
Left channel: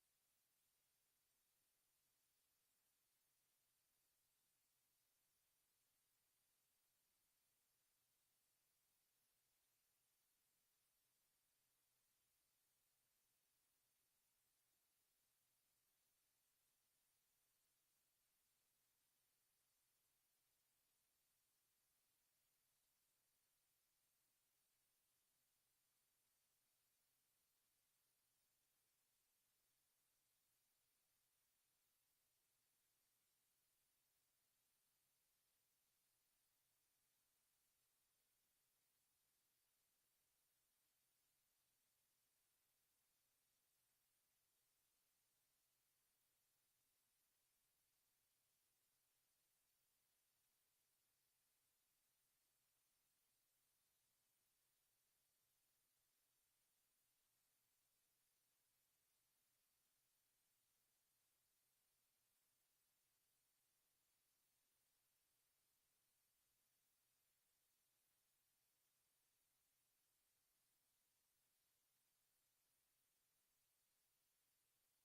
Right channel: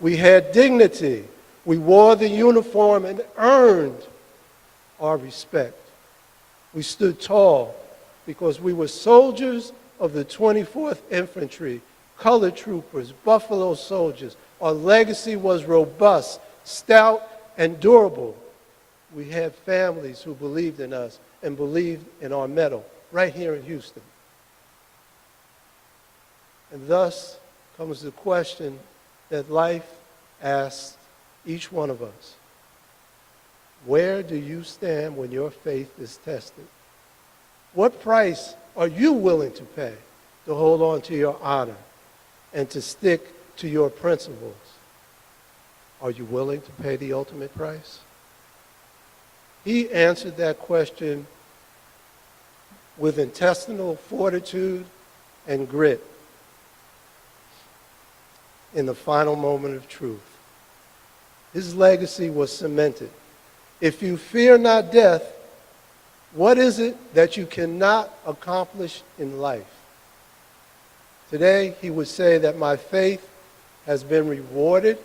we had dignity, we wore the uniform and earned our respect. We stood tall because we were soldiers of the 24th Infantry, colored troopers, Buffalo Soldiers. Our legacy was robust, stout, and durable. We had families who believed in us and believed in our mettle right here in Houston. And thus comes the question that life asks each one of us. Where do you stand when your faith is tested? What price are you willing to pay to hold on to your honor and to stick to your principles? Are you willing to pay the ultimate price? He answered that question with intestinal fortitude and grit in the final moment of truth. His legacy was cemented. If you fear not death, what is it that you cannot accomplish in life? Today, he would say that my faith has been rewarded,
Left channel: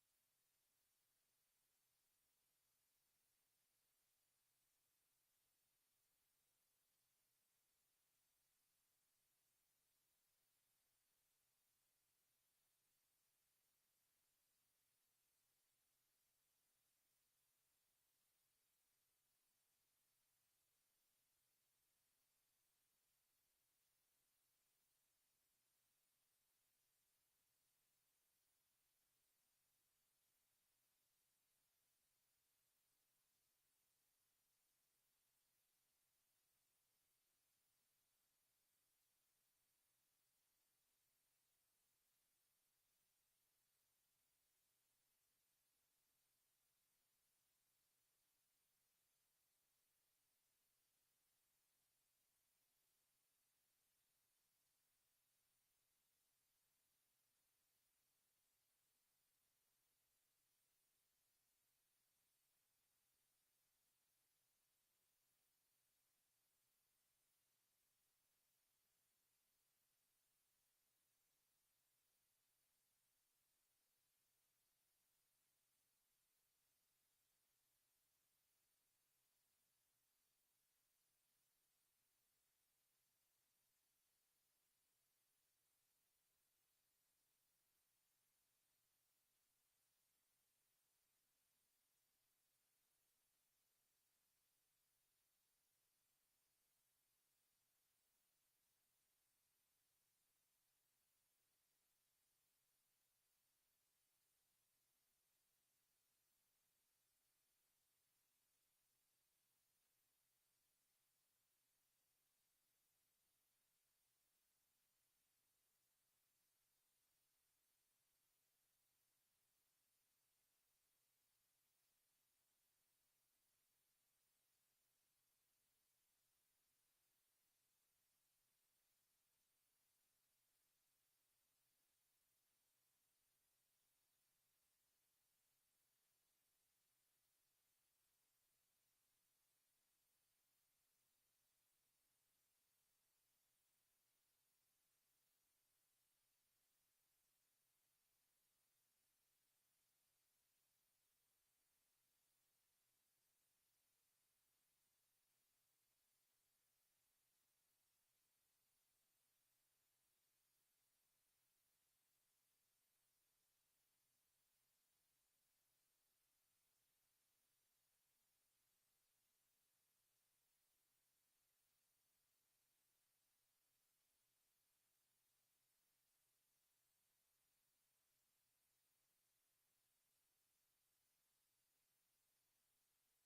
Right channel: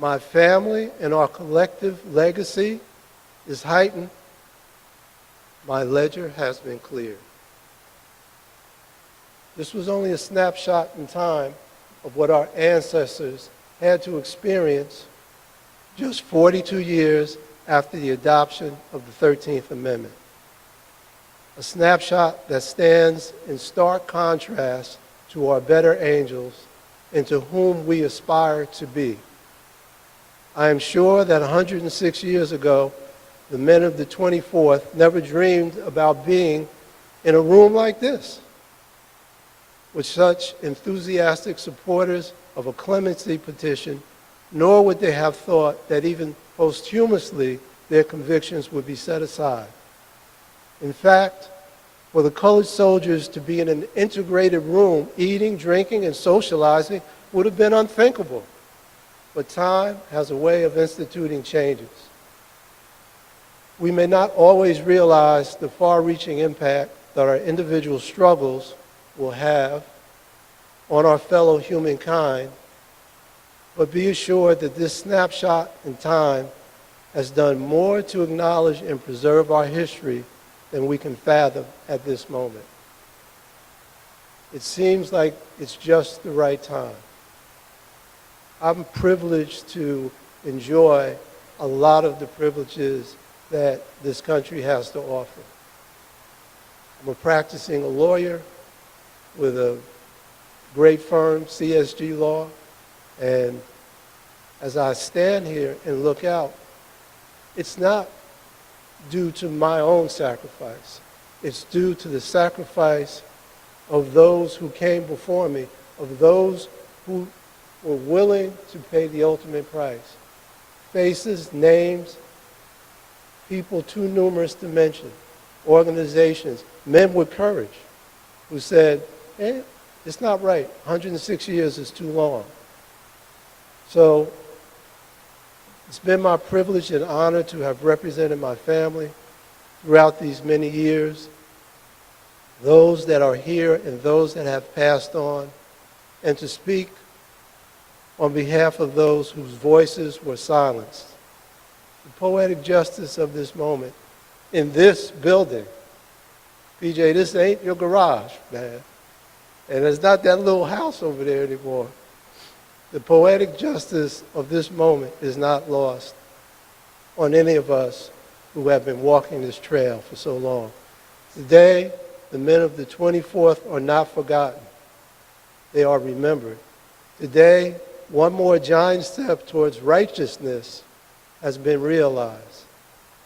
my family and our collective legacy is heightened, my ledger has been cleared. This was only a snapshot in time of what our ancestors had to experience just 42 years after the adoption of the 13th Amendment. A snapshot that stands in stark contrast to our better angels and to whom we aspire to be. I am sure that 106 years ago, the men of the 24th never dreamed about being in a room like this with such enthusiastic supporters of a clemency petition, nor would they have thought that even posthumously their convictions would be set aside. In fact, for the colored soldiers to be in an integrated room, eating, drinking, and socializing would have been unthinkable. But time has a way of instituting changes. We may not always realize the far-reaching impact that our individual struggles will have on our fellow humankind, but be assured that this snapshot in time has done more to acknowledge and preserve our history than we can fathom at this moment. It seems like it's just the right time. I'm privileged to enjoy a lot of the privileges that this country has to offer. I'm a practicing lawyer with a great firm, CSG Law. And as I stand here and look out, it's not due to my own sacrifice. It's due to the sacrifice of those who came before me, of those who were willing to pay the ultimate price. Faces, names, people too numerous to mention, organizations, men with courage who said, hey, it's not right. 106 years is too long. So it's been my privilege and honor to have represented my family throughout these many years, those that are here and those that have passed on, and to speak on behalf of those whose voices were silenced. The poetic justice of this moment in this building, PJ, this ain't your garage, man. And it's not that little house over there anymore. The poetic justice of this moment is not lost on any of us who have been walking this trail for so long. Today, the men of the 24th are not forgotten. They are remembered. Today, one more giant step towards righteousness has been realized.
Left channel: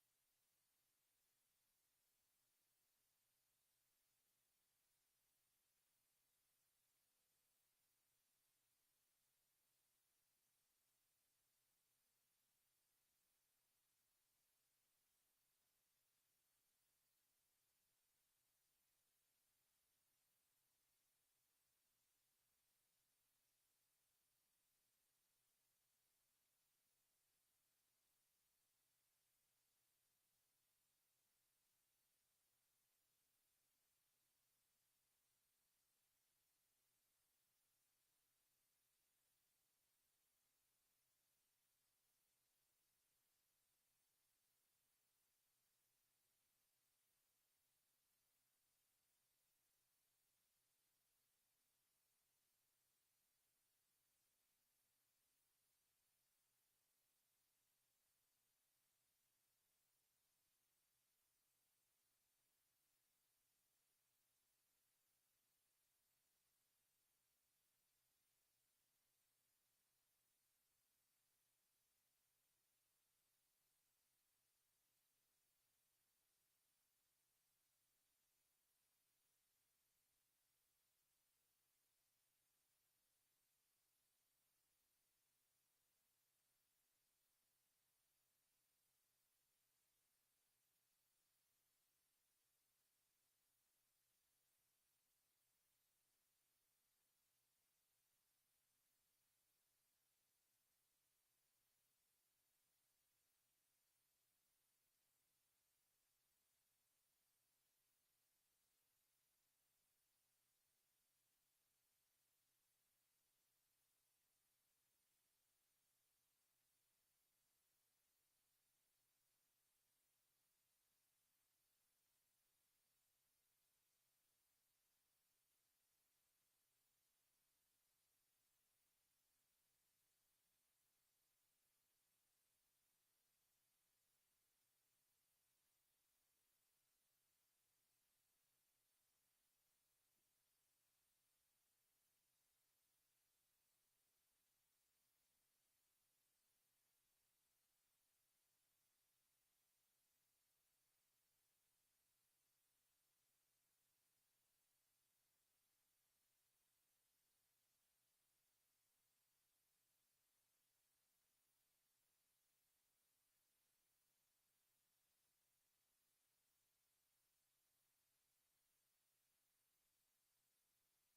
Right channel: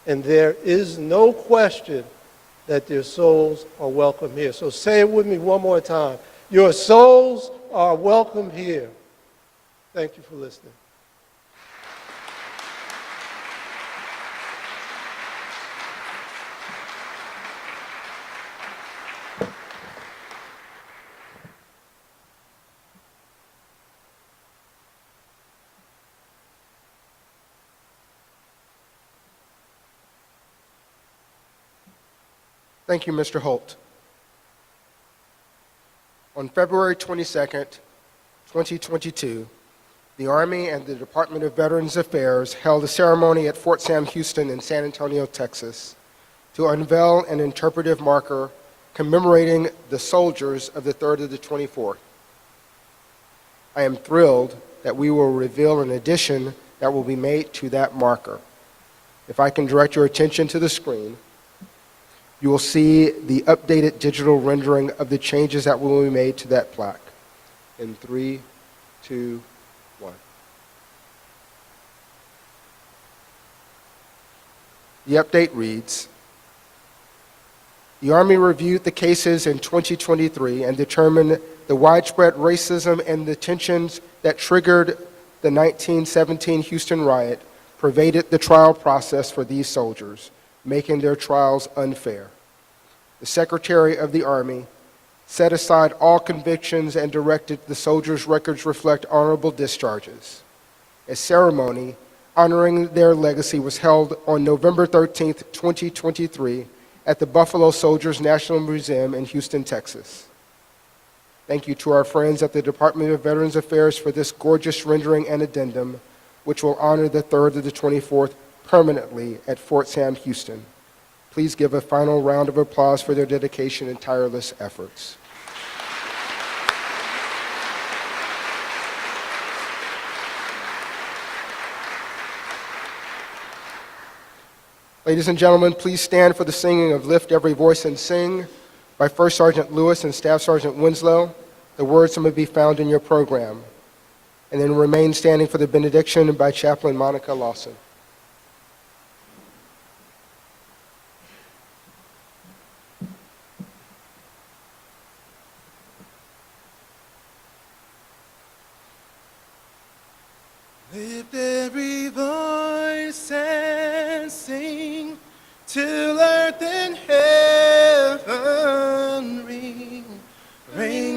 And there is no question that their souls are welcome here. So say it with me one more time. Your souls are welcome here. Thank you for listening. Thank you, Mr. Holt. On February 22nd, 2022, the Army and the Department of Veterans Affairs held a ceremony at Fort Sam Houston in San Antonio, Texas, to unveil an interpretive marker commemorating the soldiers of the 3rd of the 24th. I am thrilled that we will reveal an addition that will be made to that marker. If I can direct your attention to the screen, you will see the updated digital rendering of the changes that will be made to that plaque. In 3, 2, 1. The update reads, the Army reviewed the cases in 2023 and determined the widespread racism and the tensions that triggered the 1917 Houston riot pervaded the trial process for these soldiers, making their trials unfair. The Secretary of the Army set aside all convictions and directed the soldiers' records reflect honorable discharges. A ceremony honoring their legacy was held on November 13, 2023, at the Buffalo Soldiers National Museum in Houston, Texas. Thank you to our friends at the Department of Veterans Affairs for this gorgeous rendering and addendum, which will honor the 3rd of the 24th permanently at Fort Sam Houston. Please give a final round of applause for their dedication and tireless efforts. Ladies and gentlemen, please stand for the singing of Lift Every Voice and Sing by First Sergeant Lewis and Staff Sergeant Winslow. The words may be found in your program. And then remain standing for the benediction by Chaplain Monica Lawson. Lift every voice and sing till earth and heaven ring. Rain